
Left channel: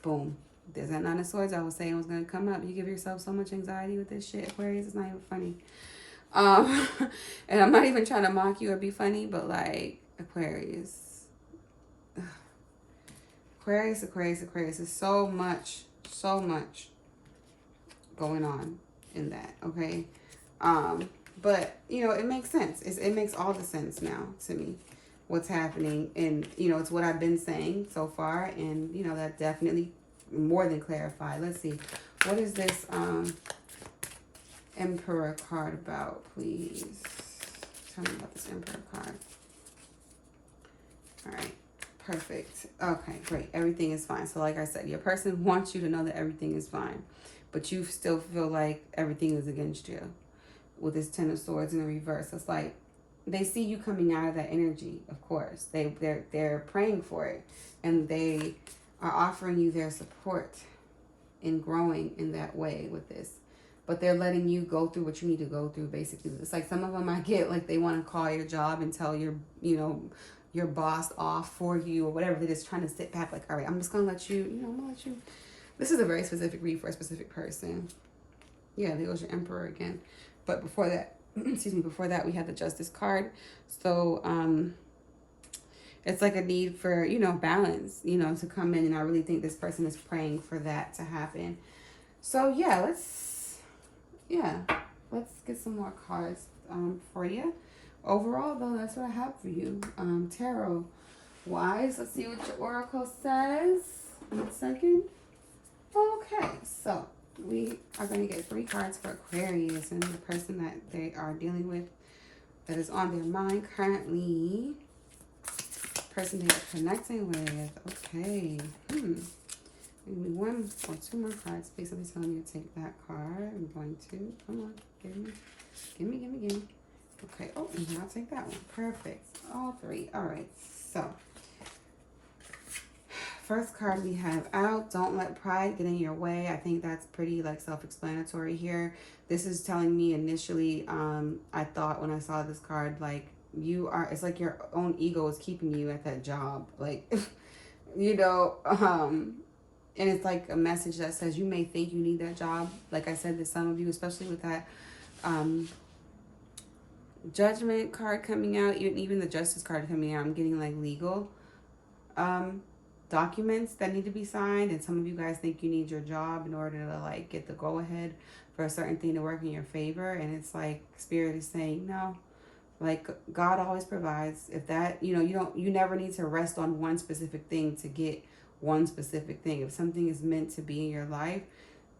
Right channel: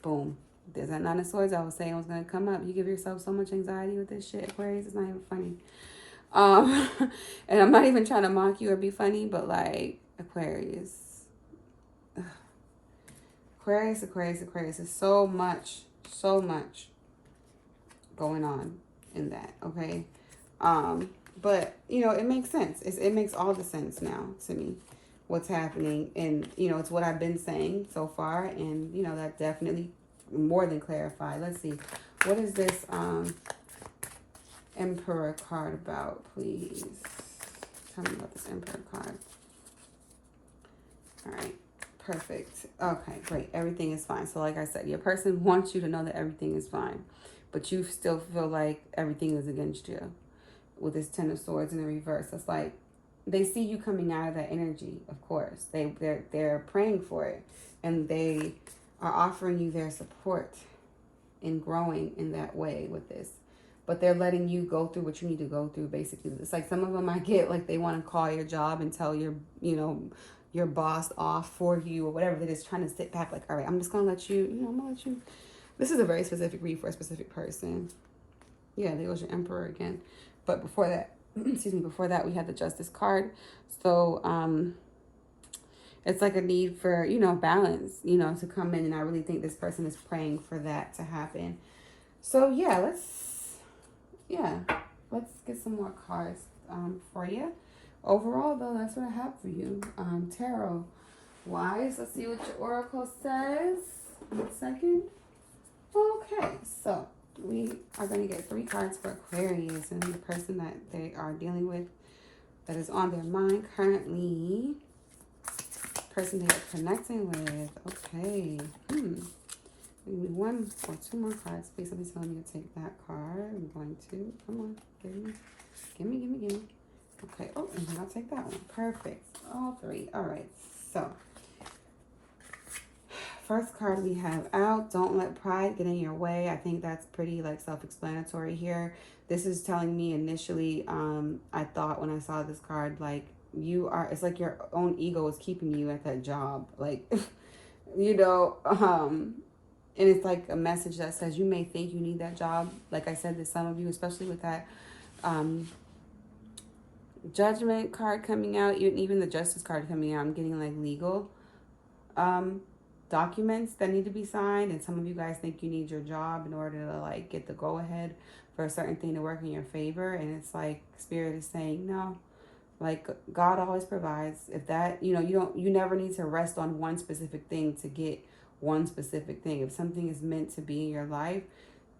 Boom. There's that Nine of Swords I was saying was going to come up. You give yourself so much anxiety with this shit, Aquarius. It's not even funny. And I'm not even trying to mock you or be funny, but like, Aquarius. Ugh. Aquarius. There's so much going on in that, okay? But, you know, it makes sense. It makes all the sense now to me, what's happening. And, you know, it's what I've been saying so far. And, you know, that definitely more than clarified. Let's see. What is this Emperor card about, please? Tell me about this Emperor card. All right. Perfect. Okay, great. Everything is fine. So like I said, your person wants you to know that everything is fine. But you still feel like everything is against you. With this Ten of Swords in the reverse, it's like they see you coming out of that energy. Of course, they're praying for it, and they are offering you their support in growing in that way with this. But they're letting you go through what you need to go through. Basically, it's like some of them I get like they want to call your job and tell your boss off for you or whatever. They're just trying to sit back like, all right, I'm just gonna let you. I'm gonna let you. This is a very specific read for a specific person. Yeah, there goes your Emperor again. But before that, excuse me, before that, we had the Justice card. So it's like a need for, balance, to come in. And I really think this person is praying for that to happen. So yeah, let's get some more cards for you. Overall, though, that's what I have for you. Tarot wise, let's see what your oracle says. 1 second. Okay, so we are going to get 3 cards for Aquarius and the person that they are dealing with that is on their mind currently. Person they are connecting with. Okay. Give me 1 or 2 more cards. Please let me tell me to take that card. I'm going to. Come on. Give me. Okay. Oh, and I'll take that one. Perfect. All 3. All right. So, first card we have out, don't let pride get in your way. I think that's pretty self-explanatory here. This is telling me initially, I thought when I saw this card, it's like your own ego is keeping you at that job. And it's like a message that says you may think you need that job. Like I said to some of you, especially with that Judgment card coming out, even the Justice card coming out, I'm getting legal documents that need to be signed, and some of you guys think you need your job in order to get the go ahead for a certain thing to work in your favor, and it's like Spirit is saying no. God always provides. If that you never need to rest on one specific thing to get one specific thing. If something is meant to be in your life,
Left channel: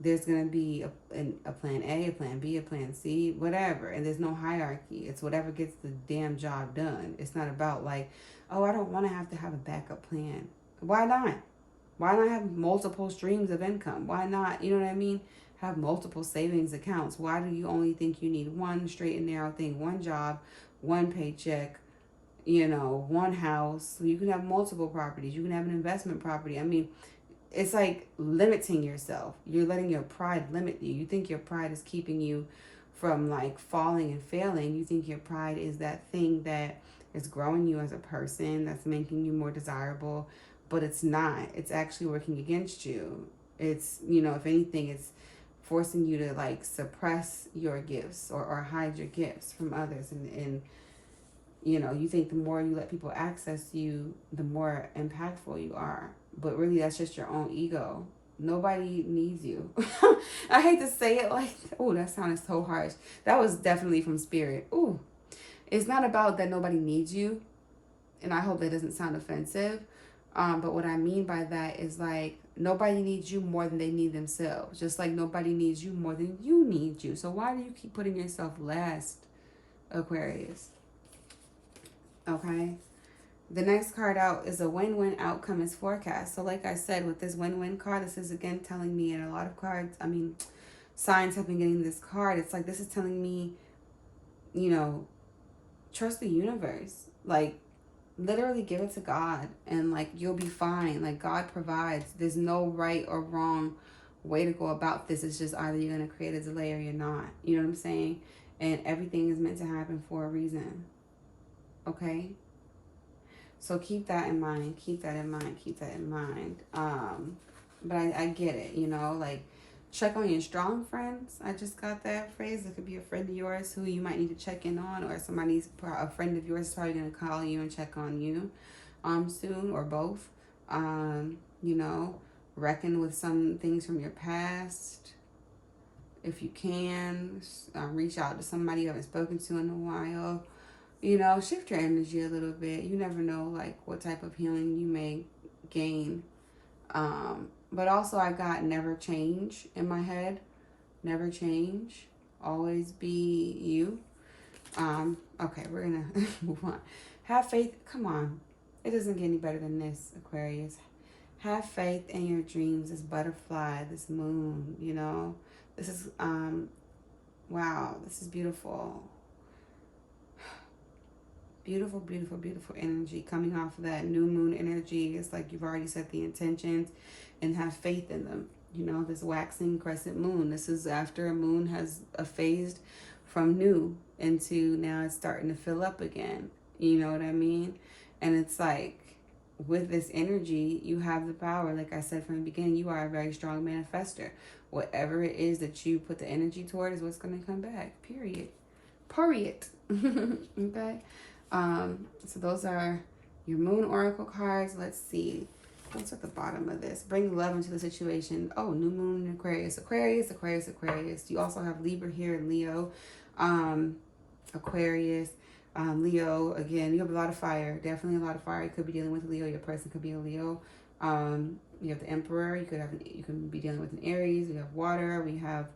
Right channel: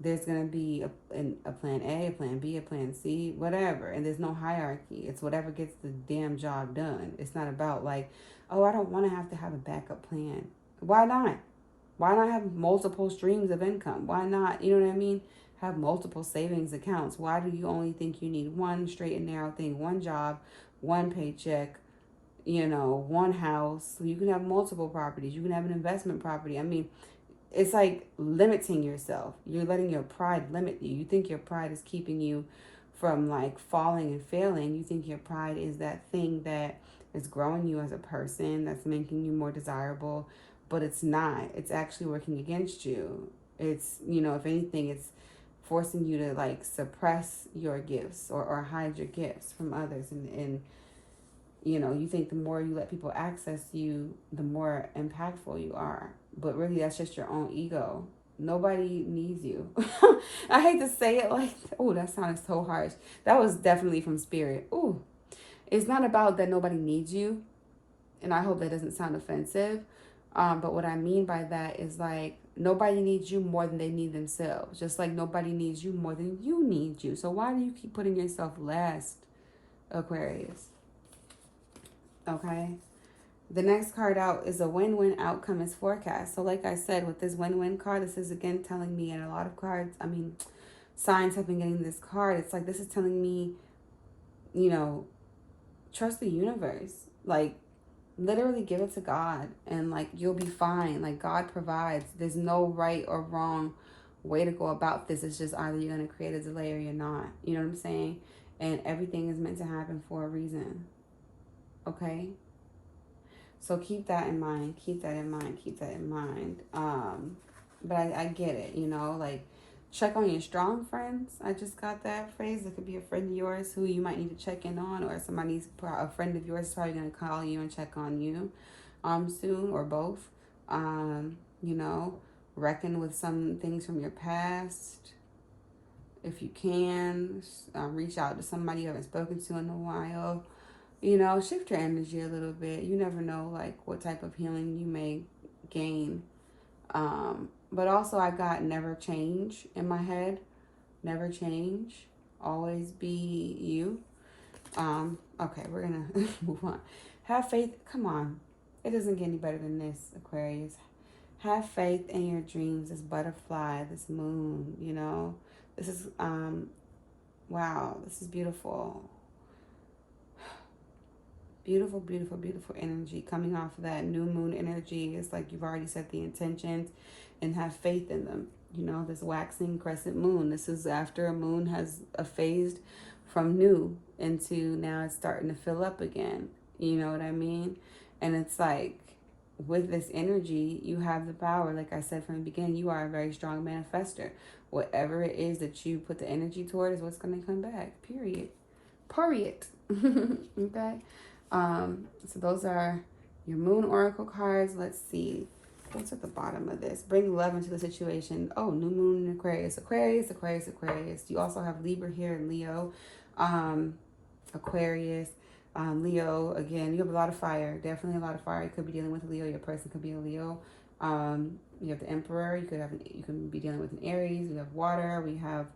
there's going to be a plan A, a plan B, a plan C, whatever. And there's no hierarchy. It's whatever gets the damn job done. It's not about oh, I don't want to have a backup plan. Why not? Why not have multiple streams of income? Why not, you know what I mean? Have multiple savings accounts. Why do you only think you need one straight and narrow thing, one job, one paycheck, one house? You can have multiple properties. You can have an investment property. I mean, it's like limiting yourself. You're letting your pride limit you. You think your pride is keeping you from falling and failing. You think your pride is that thing that is growing you as a person, that's making you more desirable, but it's not. It's actually working against you. It's, if anything, it's forcing you to suppress your gifts or hide your gifts from others. And you think the more you let people access you, the more impactful you are. But really, that's just your own ego. Nobody needs you. I hate to say it oh, that sounded so harsh. That was definitely from Spirit. Ooh, it's not about that nobody needs you. And I hope that doesn't sound offensive. But what I mean by that is nobody needs you more than they need themselves. Just like nobody needs you more than you need you. So why do you keep putting yourself last, Aquarius? Okay. The next card out is a win-win outcome is forecast. So like I said, with this win-win card, this is again telling me, and a lot of cards, signs have been getting this card. It's this is telling me, trust the universe. Literally give it to God and you'll be fine. God provides. There's no right or wrong way to go about this. It's just either you're going to create a delay or you're not. You know what I'm saying? And everything is meant to happen for a reason. Okay? So keep that in mind. Keep that in mind. But I get it, check on your strong friends. I just got that phrase. It could be a friend of yours who you might need to check in on, or a friend of yours is probably going to call you and check on you soon, or both. Reckon with some things from your past. If you can, reach out to somebody you haven't spoken to in a while. You know, shift your energy a little bit. You never know, like, what type of healing you may gain. But also, I got never change in my head. Never change. Always be you. Okay, we're going to move on. Have faith. Come on. It doesn't get any better than this, Aquarius. Have faith in your dreams. This butterfly, this moon, you know. This is, wow, this is beautiful. Beautiful, beautiful, beautiful energy coming off of that new moon energy. It's like you've already set the intentions and have faith in them. You know, this waxing crescent moon. This is after a moon has phased from new into now it's starting to fill up again. You know what I mean? And it's like with this energy, you have the power. Like I said from the beginning, you are a very strong manifester. Whatever it is that you put the energy toward is what's going to come back. Period. Period. Okay? So those are your moon oracle cards. Let's see. What's at the bottom of this? Bring love into the situation. Oh, new moon in Aquarius. Aquarius, Aquarius, Aquarius. You also have Libra here and Leo. Aquarius. Leo, again, you have a lot of fire. Definitely a lot of fire. You could be dealing with a Leo. Your person could be a Leo. You have the Emperor. You can be dealing with an Aries. We have water. We have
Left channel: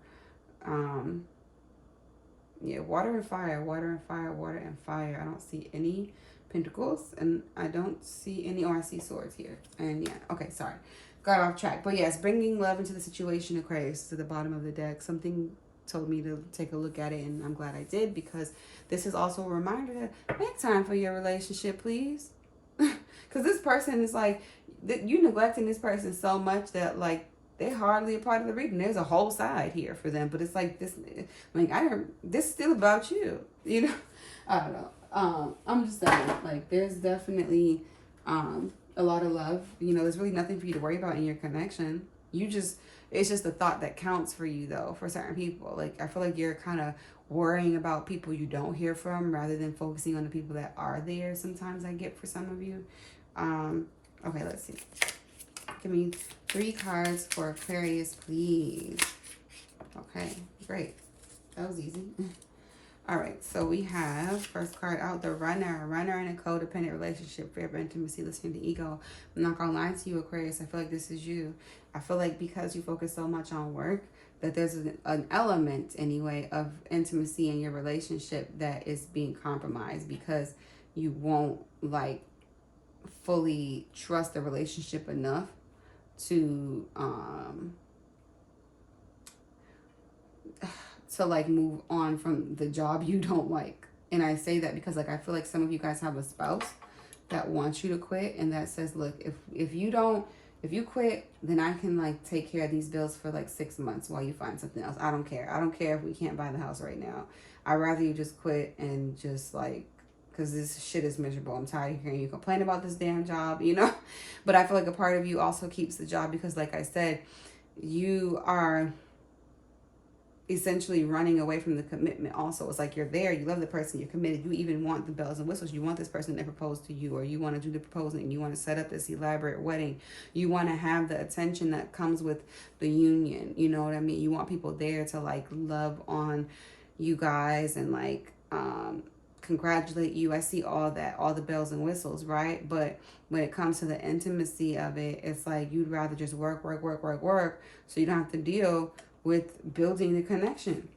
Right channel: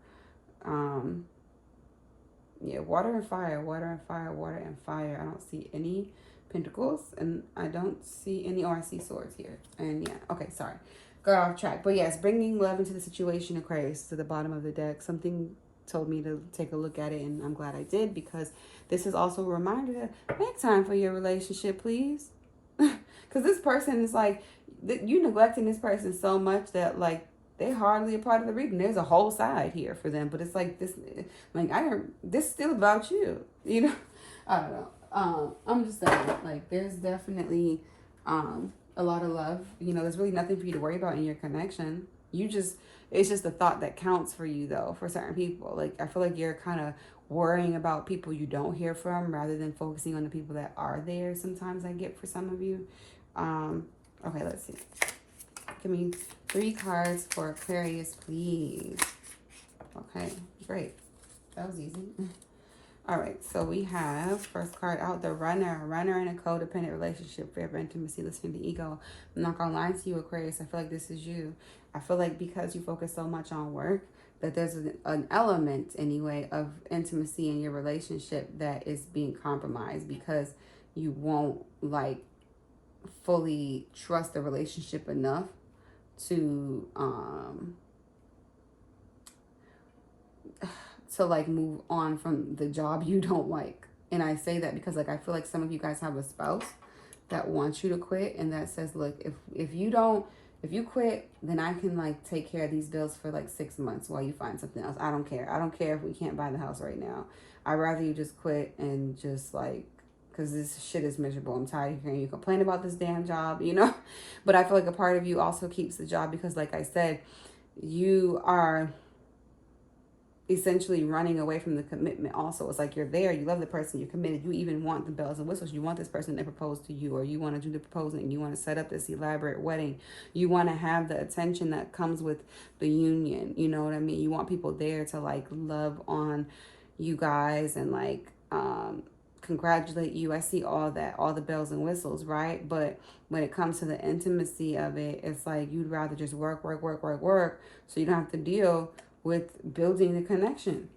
water and fire, water and fire, water and fire. I don't see any pentacles, and I don't see any, I see swords here. And yeah, okay, sorry. Got off track. But yes, bringing love into the situation, Aquarius, to the bottom of the deck. Something told me to take a look at it, and I'm glad I did, because this is also a reminder that make time for your relationship, please. Because this person is like, you neglecting this person so much that, like, they're hardly a part of the reading. There's a whole side here for them, but it's like this, like, this is still about you, you know? I don't know. I'm just saying, like, there's definitely a lot of love. You know, there's really nothing for you to worry about in your connection. It's just the thought that counts for you, though, for certain people. Like, I feel like you're kind of worrying about people you don't hear from rather than focusing on the people that are there. Sometimes I get for some of you. Okay, let's see. Give me 3 cards for Aquarius, please. Okay, great. That was easy. All right, so we have first card out, the runner in a codependent relationship, fear of intimacy, listening to ego. I'm not gonna lie to you, Aquarius. I feel like this is you. I feel like because you focus so much on work, that there's an element anyway of intimacy in your relationship that is being compromised because you won't like fully trust the relationship enough to like move on from the job you don't like. And I say that because, like, I feel like some of you guys have a spouse that wants you to quit and that says, look, if you quit, then I can like take care of these bills for like 6 months while you find something else. I don't care. I don't care if we can't buy the house right now. I'd rather you just quit and just like, because this shit is miserable. I'm tired of hearing you complain about this damn job, you know? But I feel like a part of you also keeps the job because, like I said, you are essentially running away from the commitment also. It's like you're there, you love the person, you're committed, you even want the bells and whistles, you want this person to propose to you, or you want to do the proposing, you want to set up this elaborate wedding, you want to have the attention that comes with the union, you know what I mean? You want people there to like love on you guys and like congratulate you. I see all that, all the bells and whistles, right? But when it comes to the intimacy of it, it's like you'd rather just work so you don't have to deal with building the connection.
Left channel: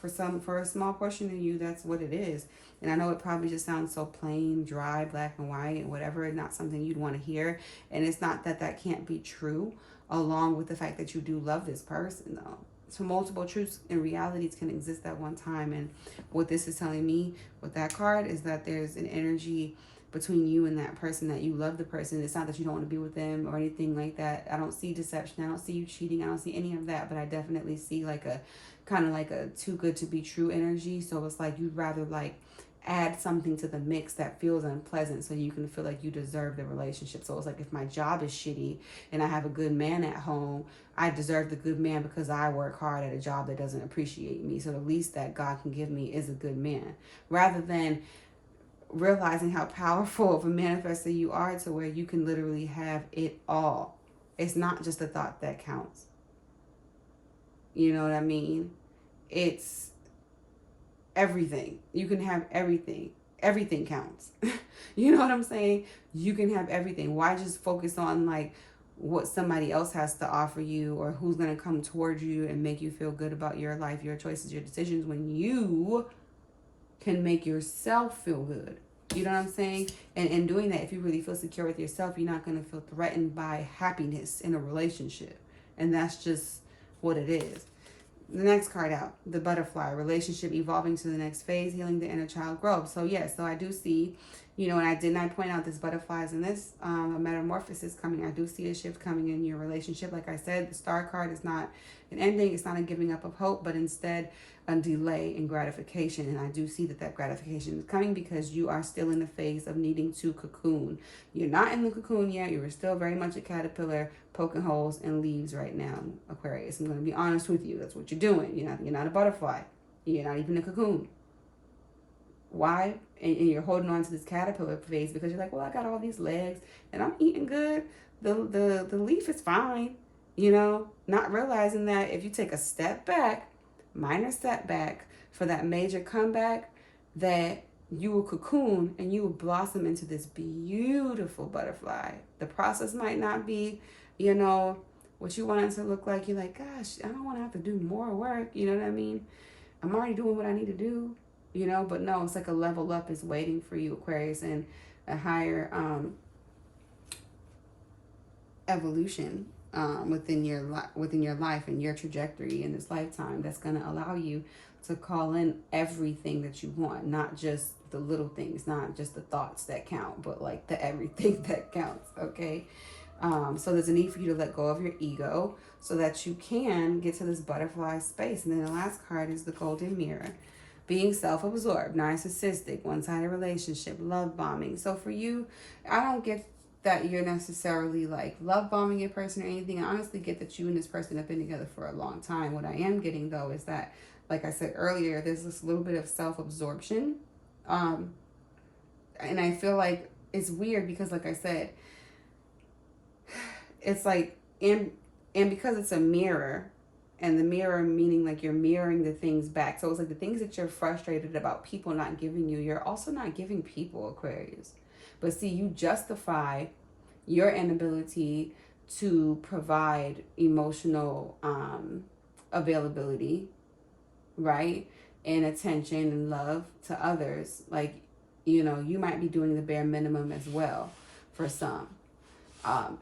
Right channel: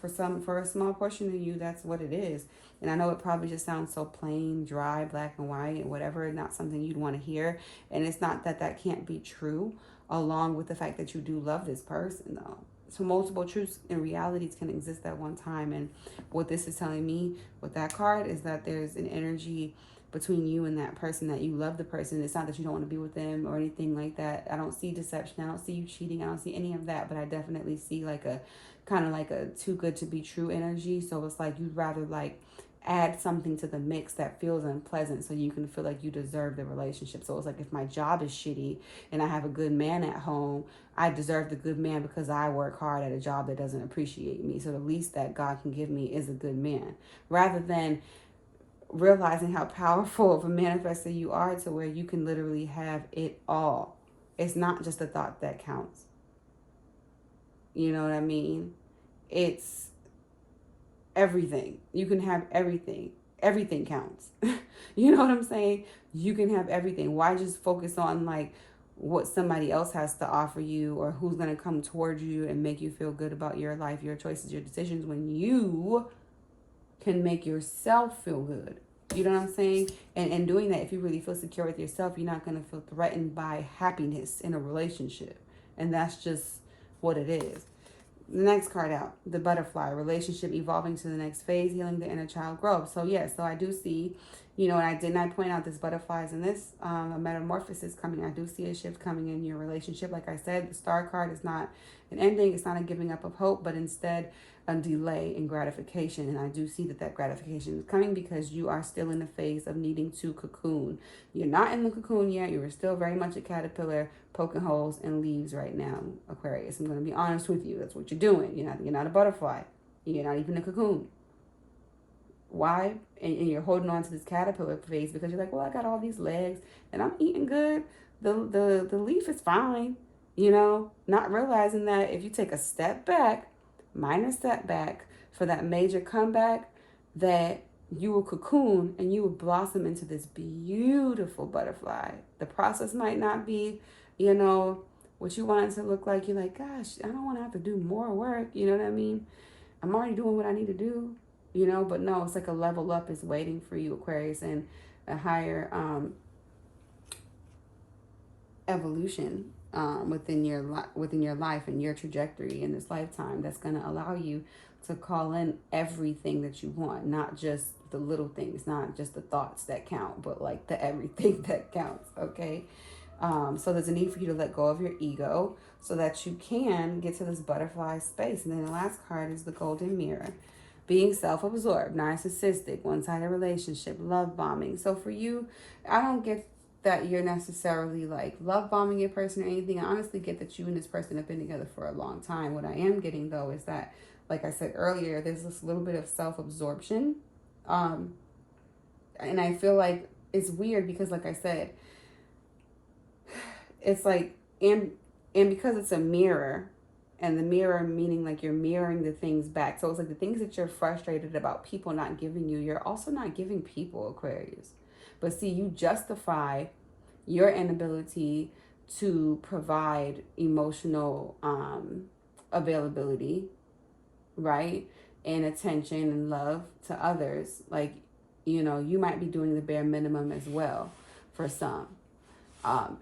For a small portion of you, that's what it is. And I know it probably just sounds so plain, dry, black and white, whatever, not something you'd want to hear. And it's not that can't be true, along with the fact that you do love this person, though. So multiple truths and realities can exist at one time. And what this is telling me with that card is that there's an energy between you and that person, that you love the person. It's not that you don't want to be with them or anything like that. I don't see deception. I don't see you cheating. I don't see any of that. But I definitely see like a kind of like a too good to be true energy. So it's like you'd rather like add something to the mix that feels unpleasant so you can feel like you deserve the relationship. So it's like if my job is shitty and I have a good man at home, I deserve the good man because I work hard at a job that doesn't appreciate me. So the least that God can give me is a good man, rather than realizing how powerful of a manifestor you are to where you can literally have it all. It's not just the thought that counts. You know what I mean? It's everything. You can have everything. Everything counts. You know what I'm saying? You can have everything. Why just focus on like what somebody else has to offer you, or who's going to come towards you and make you feel good about your life, your choices, your decisions, when you can make yourself feel good? You know what I'm saying? And in doing that, if you really feel secure with yourself, you're not going to feel threatened by happiness in a relationship. And that's just what it is. The next card out, the butterfly, relationship evolving to the next phase, healing the inner child growth. So yes, so I do see, you know, and I did not point out this butterflies in this a metamorphosis coming. I do see a shift coming in your relationship. Like I said, the star card is not an ending. It's not a giving up of hope, but instead a delay in gratification. And I do see that that gratification is coming because you are still in the phase of needing to cocoon. You're not in the cocoon yet. You're still very much a caterpillar poking holes in leaves right now, Aquarius. I'm going to be honest with you. That's what you're doing. You're not a butterfly. You're not even a cocoon. Why? And you're holding on to this caterpillar phase because you're like, well, I got all these legs and I'm eating good. The leaf is fine. You know, not realizing that if you take a step back, minor setback for that major comeback, that you will cocoon and you will blossom into this beautiful butterfly. The process might not be, you know, what you want it to look like. You're like, gosh, I don't want to have to do more work. You know what I mean? I'm already doing what I need to do, you know, but no, it's like a level up is waiting for you, Aquarius, and a higher evolution within your life and your trajectory in this lifetime that's going to allow you to call in everything that you want, not just the little things, not just the thoughts that count, but like the everything that counts. Okay. So there's a need for you to let go of your ego so that you can get to this butterfly space. And then the last card is the golden mirror. Being self-absorbed, narcissistic, one-sided relationship, love bombing. So for you, I don't get that you're necessarily like love bombing your person or anything. I honestly get that you and this person have been together for a long time. What I am getting though is that, like I said earlier, there's this little bit of self-absorption. And I feel like it's weird because, like I said, it's like, and because it's a mirror, and the mirror meaning like you're mirroring the things back. So it's like the things that you're frustrated about people not giving you, you're also not giving people, Aquarius. But see, you justify your inability to provide emotional availability, right? And attention and love to others. Like, you know, you might be doing the bare minimum as well for some.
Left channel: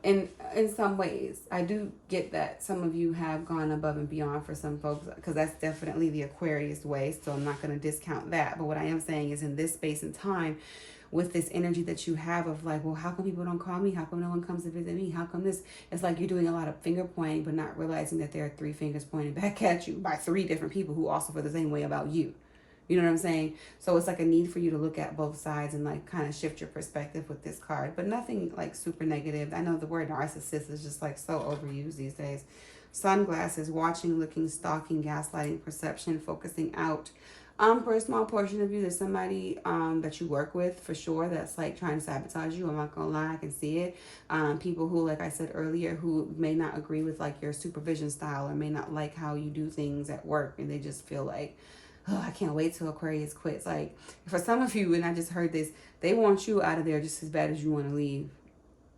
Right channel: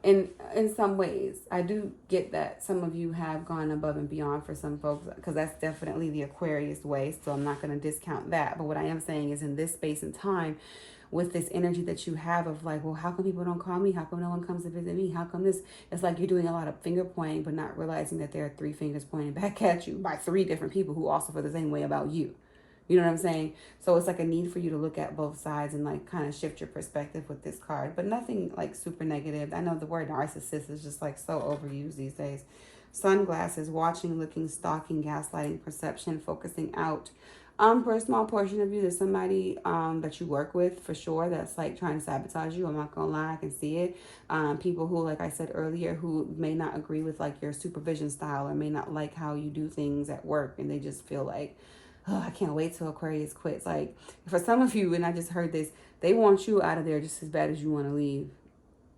In some ways, I do get that some of you have gone above and beyond for some folks, because that's definitely the Aquarius way. So I'm not going to discount that. But what I am saying is, in this space and time, with this energy that you have of like, well, how come people don't call me? How come no one comes to visit me? How come this? It's like you're doing a lot of finger pointing, but not realizing that there are 3 fingers pointing back at you by 3 different people who also feel the same way about you. You know what I'm saying? So it's like a need for you to look at both sides and like kind of shift your perspective with this card, but nothing like super negative. I know the word narcissist is just like so overused these days. Sunglasses, watching, looking, stalking, gaslighting, perception, focusing out. For a small portion of you, there's somebody that you work with for sure that's like trying to sabotage you. I'm not gonna lie, I can see it. People who, like I said earlier, who may not agree with like your supervision style or may not like how you do things at work, and they just feel like, oh, I can't wait till Aquarius quits. Like for some of you, and I just heard this, they want you out of there just as bad as you want to leave.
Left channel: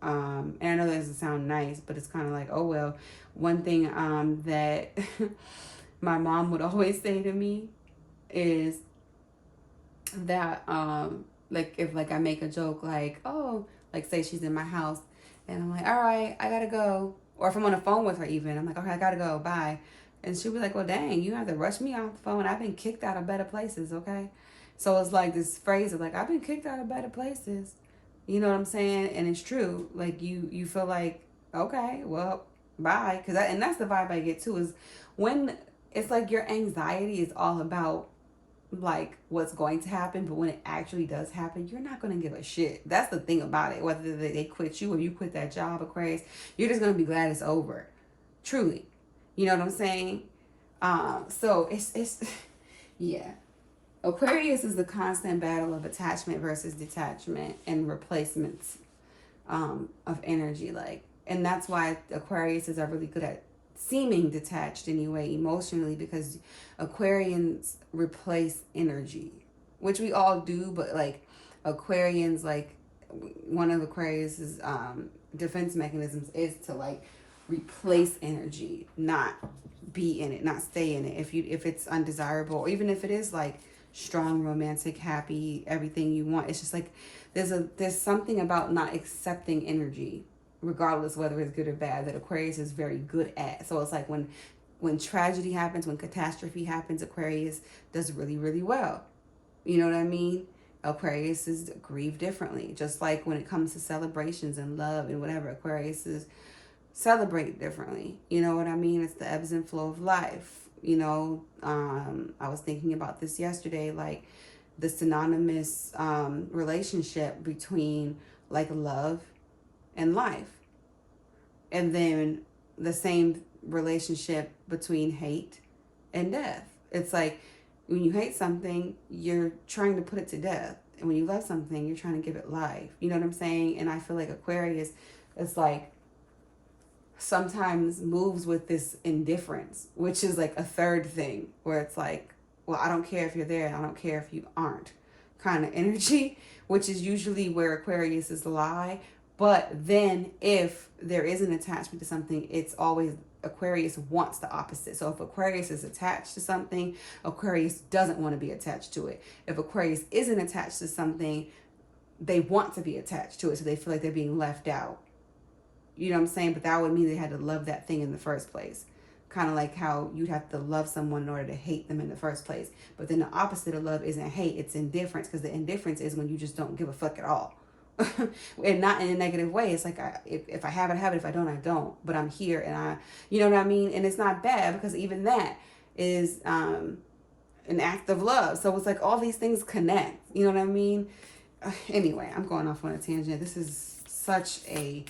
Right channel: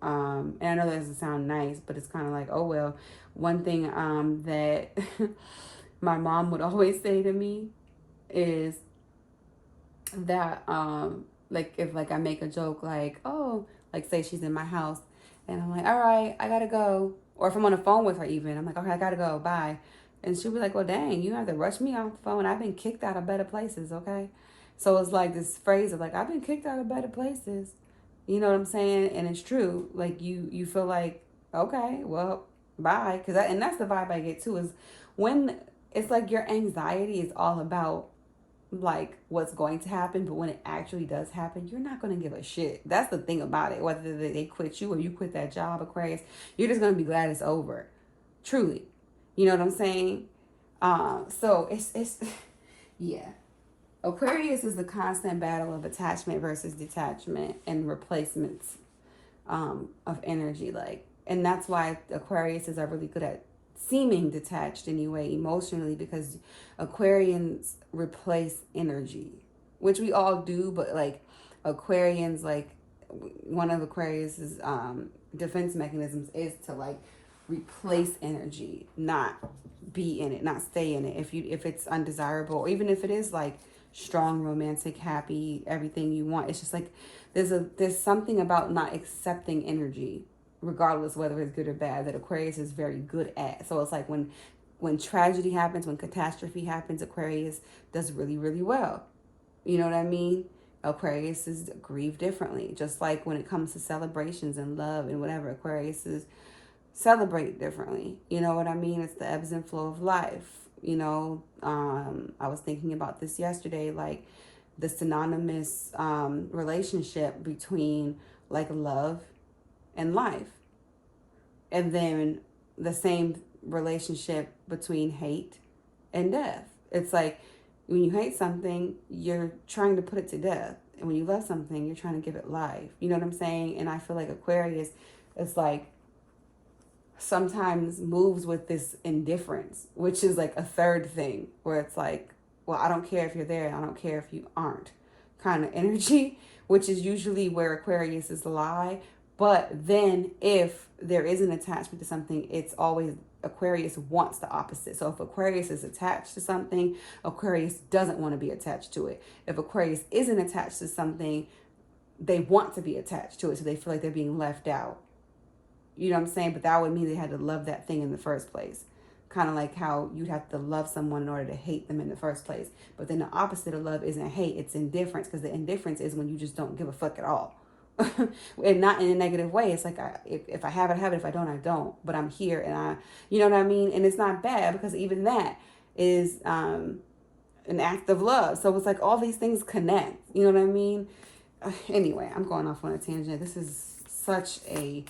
And I know that doesn't sound nice, but it's kind of like, oh well. One thing that my mom would always say to me is that like if like I make a joke like, oh, like say she's in my house and I'm like, all right, I gotta go. Or if I'm on the phone with her even, I'm like, okay, I gotta go, bye. And she'll be like, well, dang, you have to rush me off the phone. I've been kicked out of better places, okay? So it's like this phrase of like, I've been kicked out of better places. You know what I'm saying? And it's true. Like you feel like, okay, well, bye. And that's the vibe I get too, is when it's like your anxiety is all about like what's going to happen, but when it actually does happen, you're not going to give a shit. That's the thing about it. Whether they quit you or you quit that job, Aquarius, you're just going to be glad it's over. Truly. You know what I'm saying? So it's yeah. Aquarius is the constant battle of attachment versus detachment and replacements of energy. Like, and that's why Aquariuses are really good at seeming detached anyway, emotionally, because Aquarians replace energy, which we all do, but like Aquarians, like one of Aquarius's defense mechanisms is to like replace energy, not be in it, not stay in it. If it's undesirable, or even if it is like strong, romantic, happy, everything you want, it's just like there's something about not accepting energy, regardless whether it's good or bad, that Aquarius is very good at. So it's like when tragedy happens, when catastrophe happens, Aquarius does really, really well. You know what I mean? Aquarius is grieve differently. Just like when it comes to celebrations and love and whatever, Aquarius is celebrate differently. You know what I mean? It's the ebbs and flow of life. You know, I was thinking about this yesterday, like the synonymous relationship between like love and life. And then the same relationship between hate and death. It's like when you hate something, you're trying to put it to death. And when you love something, you're trying to give it life. You know what I'm saying? And I feel like Aquarius is like sometimes moves with this indifference, which is like a third thing where it's like, well, I don't care if you're there, I don't care if you aren't kind of energy, which is usually where Aquarius is lie. But then if there is an attachment to something, it's always Aquarius wants the opposite. So if Aquarius is attached to something, Aquarius doesn't want to be attached to it. If Aquarius isn't attached to something, they want to be attached to it, so they feel like they're being left out. You know what I'm saying? But that would mean they had to love that thing in the first place. Kind of like how you'd have to love someone in order to hate them in the first place. But then the opposite of love isn't hate, it's indifference. Because the indifference is when you just don't give a fuck at all. And not in a negative way. It's like, if I have it, I have it. If I don't, I don't. But I'm here and you know what I mean? And it's not bad, because even that is an act of love. So it's like all these things connect. You know what I mean? Anyway, I'm going off on a tangent. This is such a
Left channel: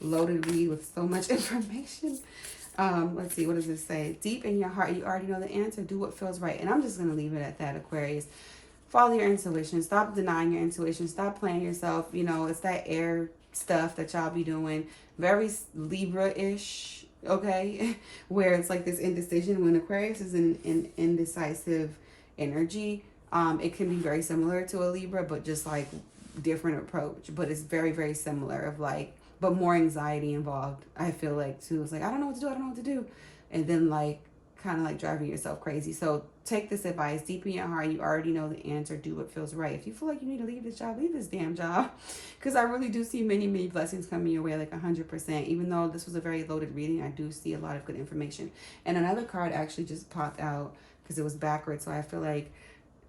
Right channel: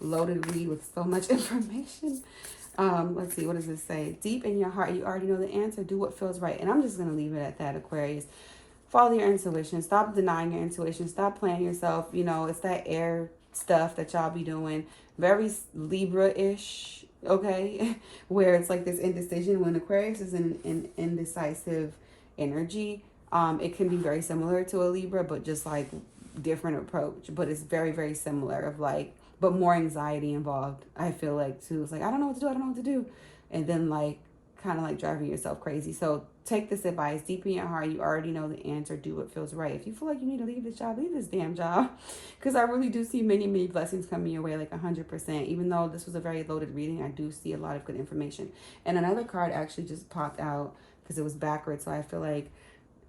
loaded read with so much information. Let's see, what does this say? Deep in your heart, you already know the answer. Do what feels right. And I'm just going to leave it at that, Aquarius. Follow your intuition. Stop denying your intuition. Stop playing yourself. You know, it's that air stuff that y'all be doing. Very Libra-ish, okay? Where it's like this indecision. When Aquarius is in indecisive energy, it can be very similar to a Libra, but just like different approach. But it's very, very similar of like, but more anxiety involved, I feel like, too. It's like, I don't know what to do. I don't know what to do. And then like, kind of like driving yourself crazy. So take this advice. Deep in your heart, you already know the answer. Do what feels right. If you feel like you need to leave this job, leave this damn job. Because I really do see many, many blessings coming your way, like 100%. Even though this was a very loaded reading, I do see a lot of good information. And another card actually just popped out because it was backwards. So I feel like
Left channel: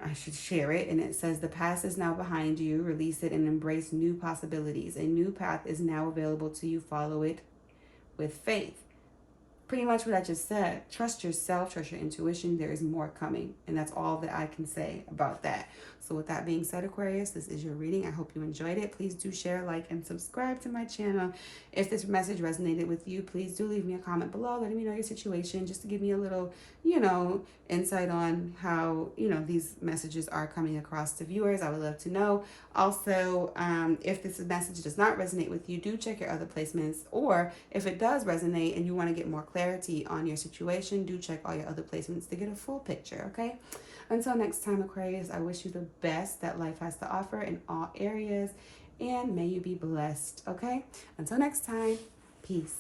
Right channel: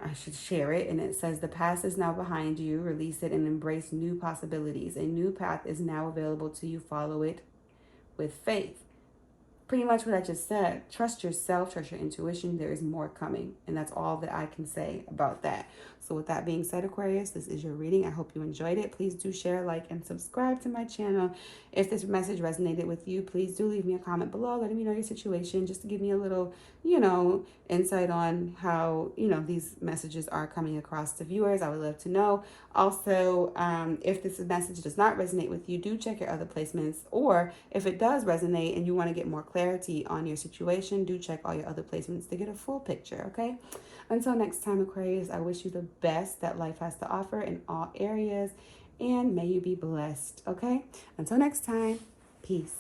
I should share it. And it says, the past is now behind you. Release it and embrace new possibilities. A new path is now available to you. Follow it with faith. Pretty much what I just said. Trust yourself, trust your intuition. There is more coming. And that's all that I can say about that. So with that being said, Aquarius, this is your reading. I hope you enjoyed it. Please do share, like, and subscribe to my channel. If this message resonated with you, please do leave me a comment below, letting me know your situation, just to give me a little, insight on how, these messages are coming across to viewers. I would love to know. Also, if this message does not resonate with you, do check your other placements. Or if it does resonate and you want to get more clarity on your situation, do check all your other placements to get a full picture, okay? Until next time, Aquarius, I wish you the best that life has to offer in all areas, and may you be blessed, okay? Until next time, peace.